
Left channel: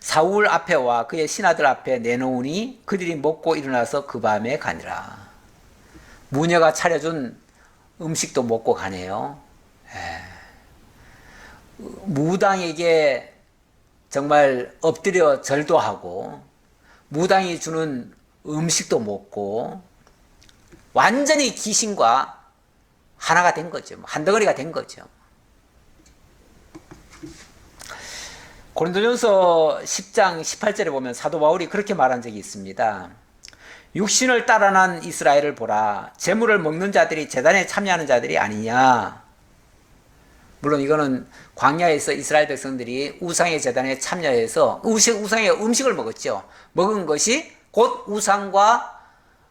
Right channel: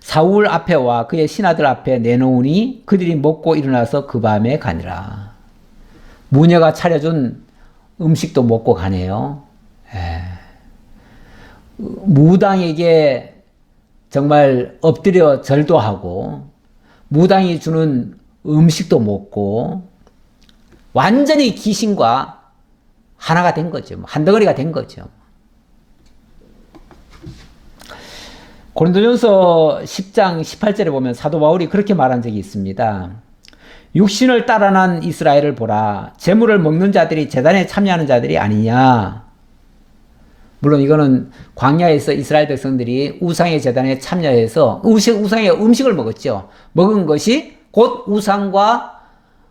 사울 앞에와 그의 신하들 앞에 내놓으니 그들이 먹고 일어나서 그 밤에 가니라. 무녀가 차려준 음식도 먹고 가네요. 무당에게 정말 엎드려 절도 하고 무당이 주는 음식도 먹고 완전히 귀신과 하나가 된 거죠. 한 덩어리가 된 거죠. 고린도전서 10장 18절에 보면 사도 바울이 그렇게 말한 적이 있습니다. 육신을 따라 난 이스라엘을 보라. 재물을 먹는 자들이 제단에 참여하는 자들이 아니냐. 물론 이거는 광야에서 이스라엘 백성들이 우상의 제단에 참여해서 우상의 음식을 먹었죠. 먹은 것이 곧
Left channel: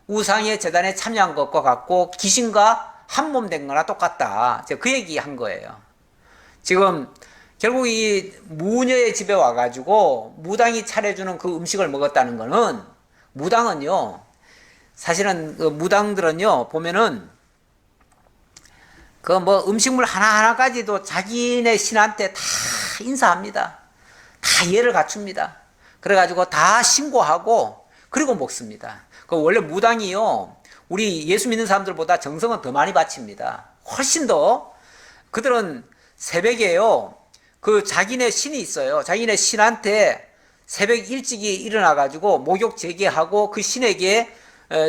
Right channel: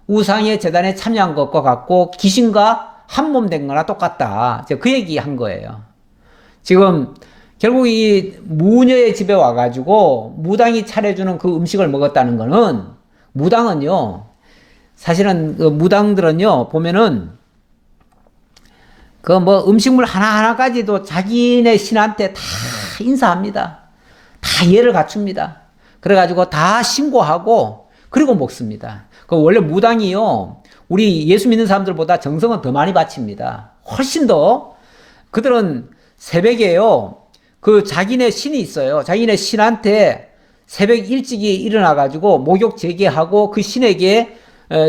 우상의 제단에 참여한 것과 같고 귀신과 한 몸 된 거나 똑같다. 그 얘기 한 거예요. 지금 결국 이 무녀의 집에 와가지고 무당이 차려주는 그 음식을 먹었다는 거는 무당은요, 사실은 그 무당들은요, 보면은 그 뭐 음식물 하나하나까지도 자기네 신한테 다 인사합니다. 다 예를 갖춥니다. 그래가지고 다 신고하고 그리고 먹습니다. 그 원래 무당이요, 우리 예수 믿는 사람들보다 정성은 더 많이 바칩니다. 훨씬 더. 그들은 새벽에요, 그 자기네 신이 있어요. 자기네 신한테 새벽 일찍이 일어나가지고 목욕 제기하고 그 신에게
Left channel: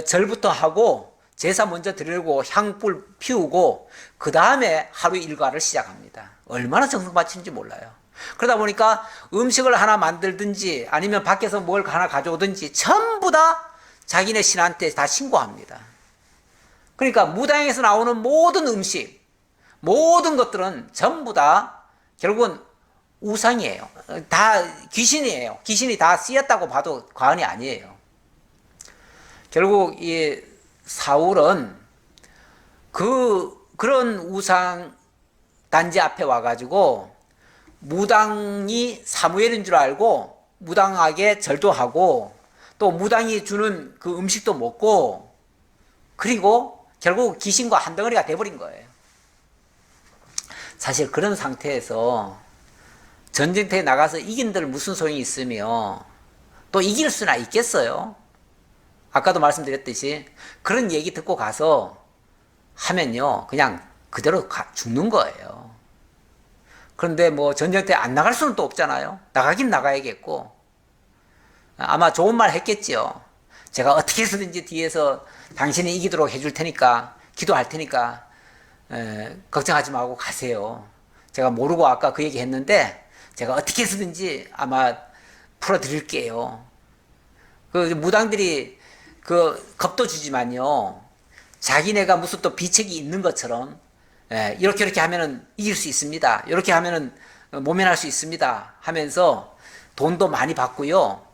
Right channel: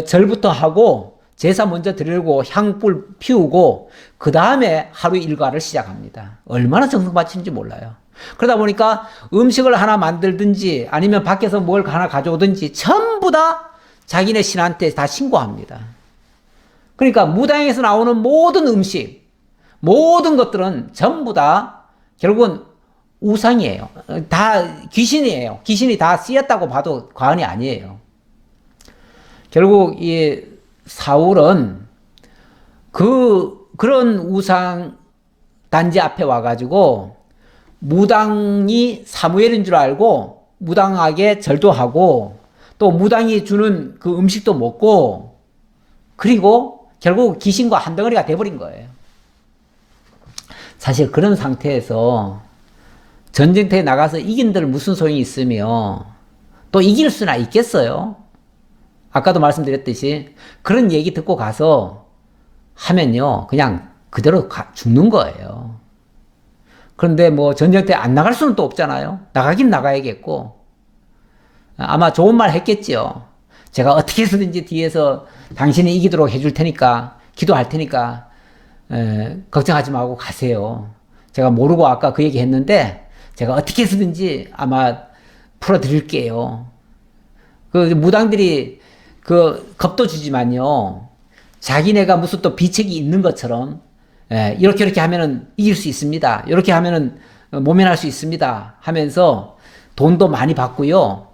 절부터 하고 제사 먼저 드리고 향불 피우고 그 다음에 하루 일과를 시작합니다. 얼마나 정성 바치는지 몰라요. 그러다 보니까 음식을 하나 만들든지 아니면 밖에서 뭘 하나 가져오든지 전부 다 자기네 신한테 다 신고합니다. 그러니까 무당에서 나오는 모든 음식, 모든 것들은 전부 다 결국은 우상이에요. 다 귀신이에요. 귀신이 다 쓰였다고 봐도 과언이 아니에요. 결국 이 사울은 그런 우상 단지 앞에 와가지고 무당이 사무엘인 줄 알고 무당에게 절도하고 또 무당이 주는 그 음식도 먹고 그리고 결국 귀신과 한 덩어리가 돼버린 거예요. 사실 그런 상태에서 전쟁터에 나가서 이긴들 무슨 소용이 있으며 또 이길 수나 있겠어요? 아까도 말씀드렸듯이 그런 얘기 듣고 가서 하면요 그냥 그대로 죽는 거예요. 그런데 뭐 전쟁터에 안 나갈 수는 또 없잖아요. 나가긴 나가야겠고 아마 좋은 말 했겠지요. 제가 어떻게 해서든지 뒤에서 당신이 이기도록 해줄 테니까 기도할 테니까 걱정하지 말고 가세요. 제가 모르고 아까 그 얘기 했는데 제가 어떻게 해서든지 아마 풀어드릴게요. 그 무당들이 그 겁도 주지만요. 자기네가 무슨 또 비책이 있는 것처럼 이렇게 하면은 이길 수 있습니다. 이렇게 하면은 모면할 수 있습니다. 하면서 돈도 많이 받고요.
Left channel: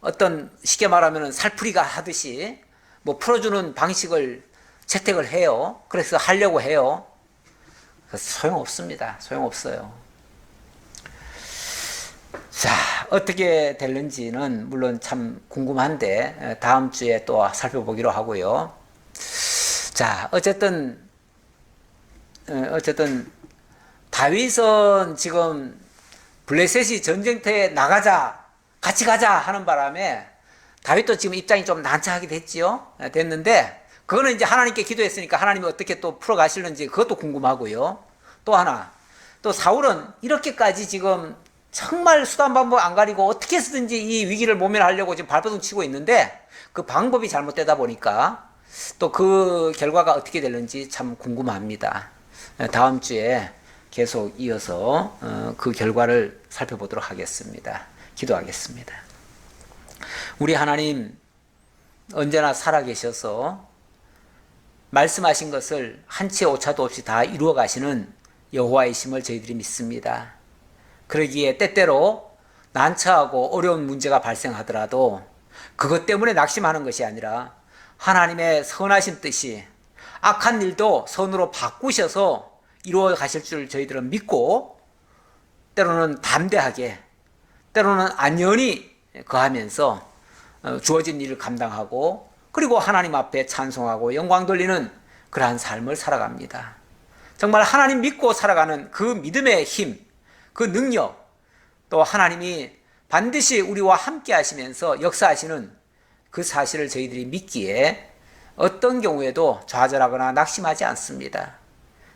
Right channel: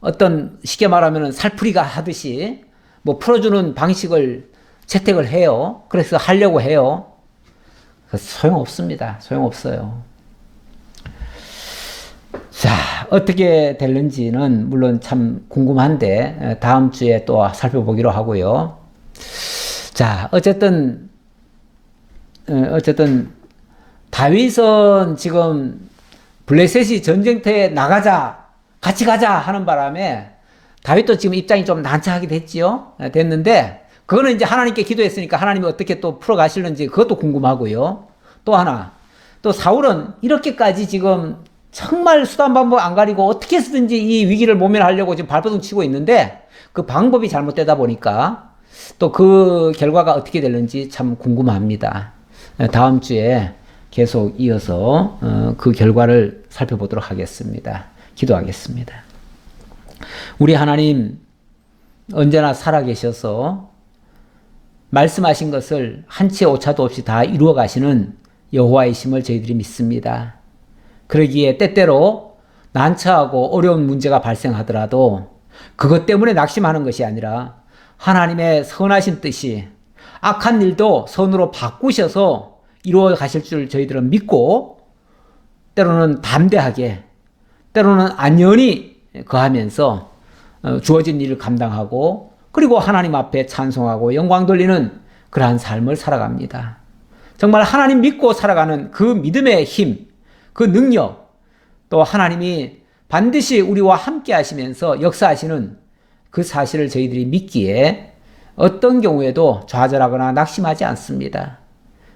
어떤 쉽게 말하면은 살풀이가 하듯이 뭐 풀어주는 방식을 채택을 해요. 그래서 하려고 해요. 소용없습니다. 소용없어요. 자, 어떻게 될는지는 물론 참 궁금한데 다음 주에 또 살펴보기로 하고요. 자, 어쨌든 다윗은 지금 블레셋이 전쟁터에 나가자, 같이 가자 하는 바람에 다윗도 지금 입장이 좀 난처하게 됐지요. 됐는데 그거는 이제 하나님께 기도했으니까 하나님이 어떻게 또 풀어가실는지 그것도 궁금하고요. 또 하나, 또 사울은 이렇게까지 지금 정말 수단 방법 안 가리고 어떻게 해서든지 이 위기를 모면하려고 지금 발버둥 치고 있는데 그 방법이 잘못되다 보니까 또 그 결과가 어떻게 될는지 참 궁금합니다. 다음 주에 계속 이어서 그 결과를 살펴보도록 하겠습니다. 기도하겠습니다. 우리 하나님 언제나 살아계셔서 말씀하신 것을 한치의 오차도 없이 다 이루어 가시는 여호와의 심을 저희들이 믿습니다. 그러기에 때때로 난처하고 어려운 문제가 발생하더라도 그것 때문에 낙심하는 것이 아니라 하나님의 선하신 뜻이 악한 일도 선으로 바꾸셔서 이루어 가실 줄 저희들은 믿고 때로는 담대하게 때로는 안연히 거하면서 주어진 일을 감당하고 그리고 하나님 앞에 찬송하고 영광 돌리는 그러한 삶을 살아갑니다. 정말 하나님 믿고 살아가는 그 믿음의 힘, 그 능력, 또 하나님이 반드시 우리와 함께 하시면서 역사하시는 그 사실을 저희들이 믿기에 어떤 경우에도 좌절하거나 낙심하지 않습니다.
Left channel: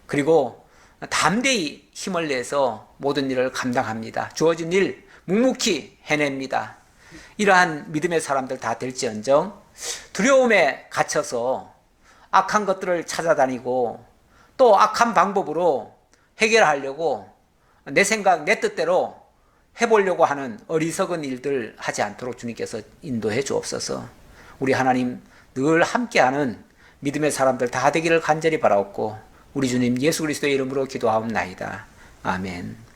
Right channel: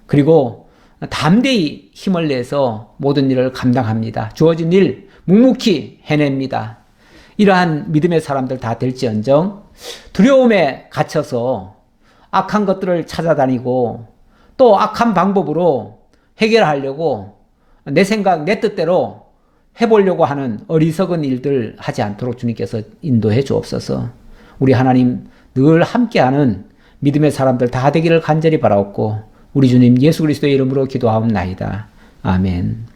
그리고 담대히 힘을 내서 모든 일을 감당합니다. 주어진 일 묵묵히 해냅니다. 이러한 믿음의 사람들 다 될지언정 두려움에 갇혀서 악한 것들을 찾아다니고 또 악한 방법으로 해결하려고 내 생각, 내 뜻대로 해보려고 하는 어리석은 일들 하지 않도록 주님께서 인도해 주옵소서. 우리 하나님 늘 함께하는 믿음의 사람들 다 되기를 간절히 바라옵고 우리 주님 예수 그리스도의 이름으로 기도하옵나이다. 아멘.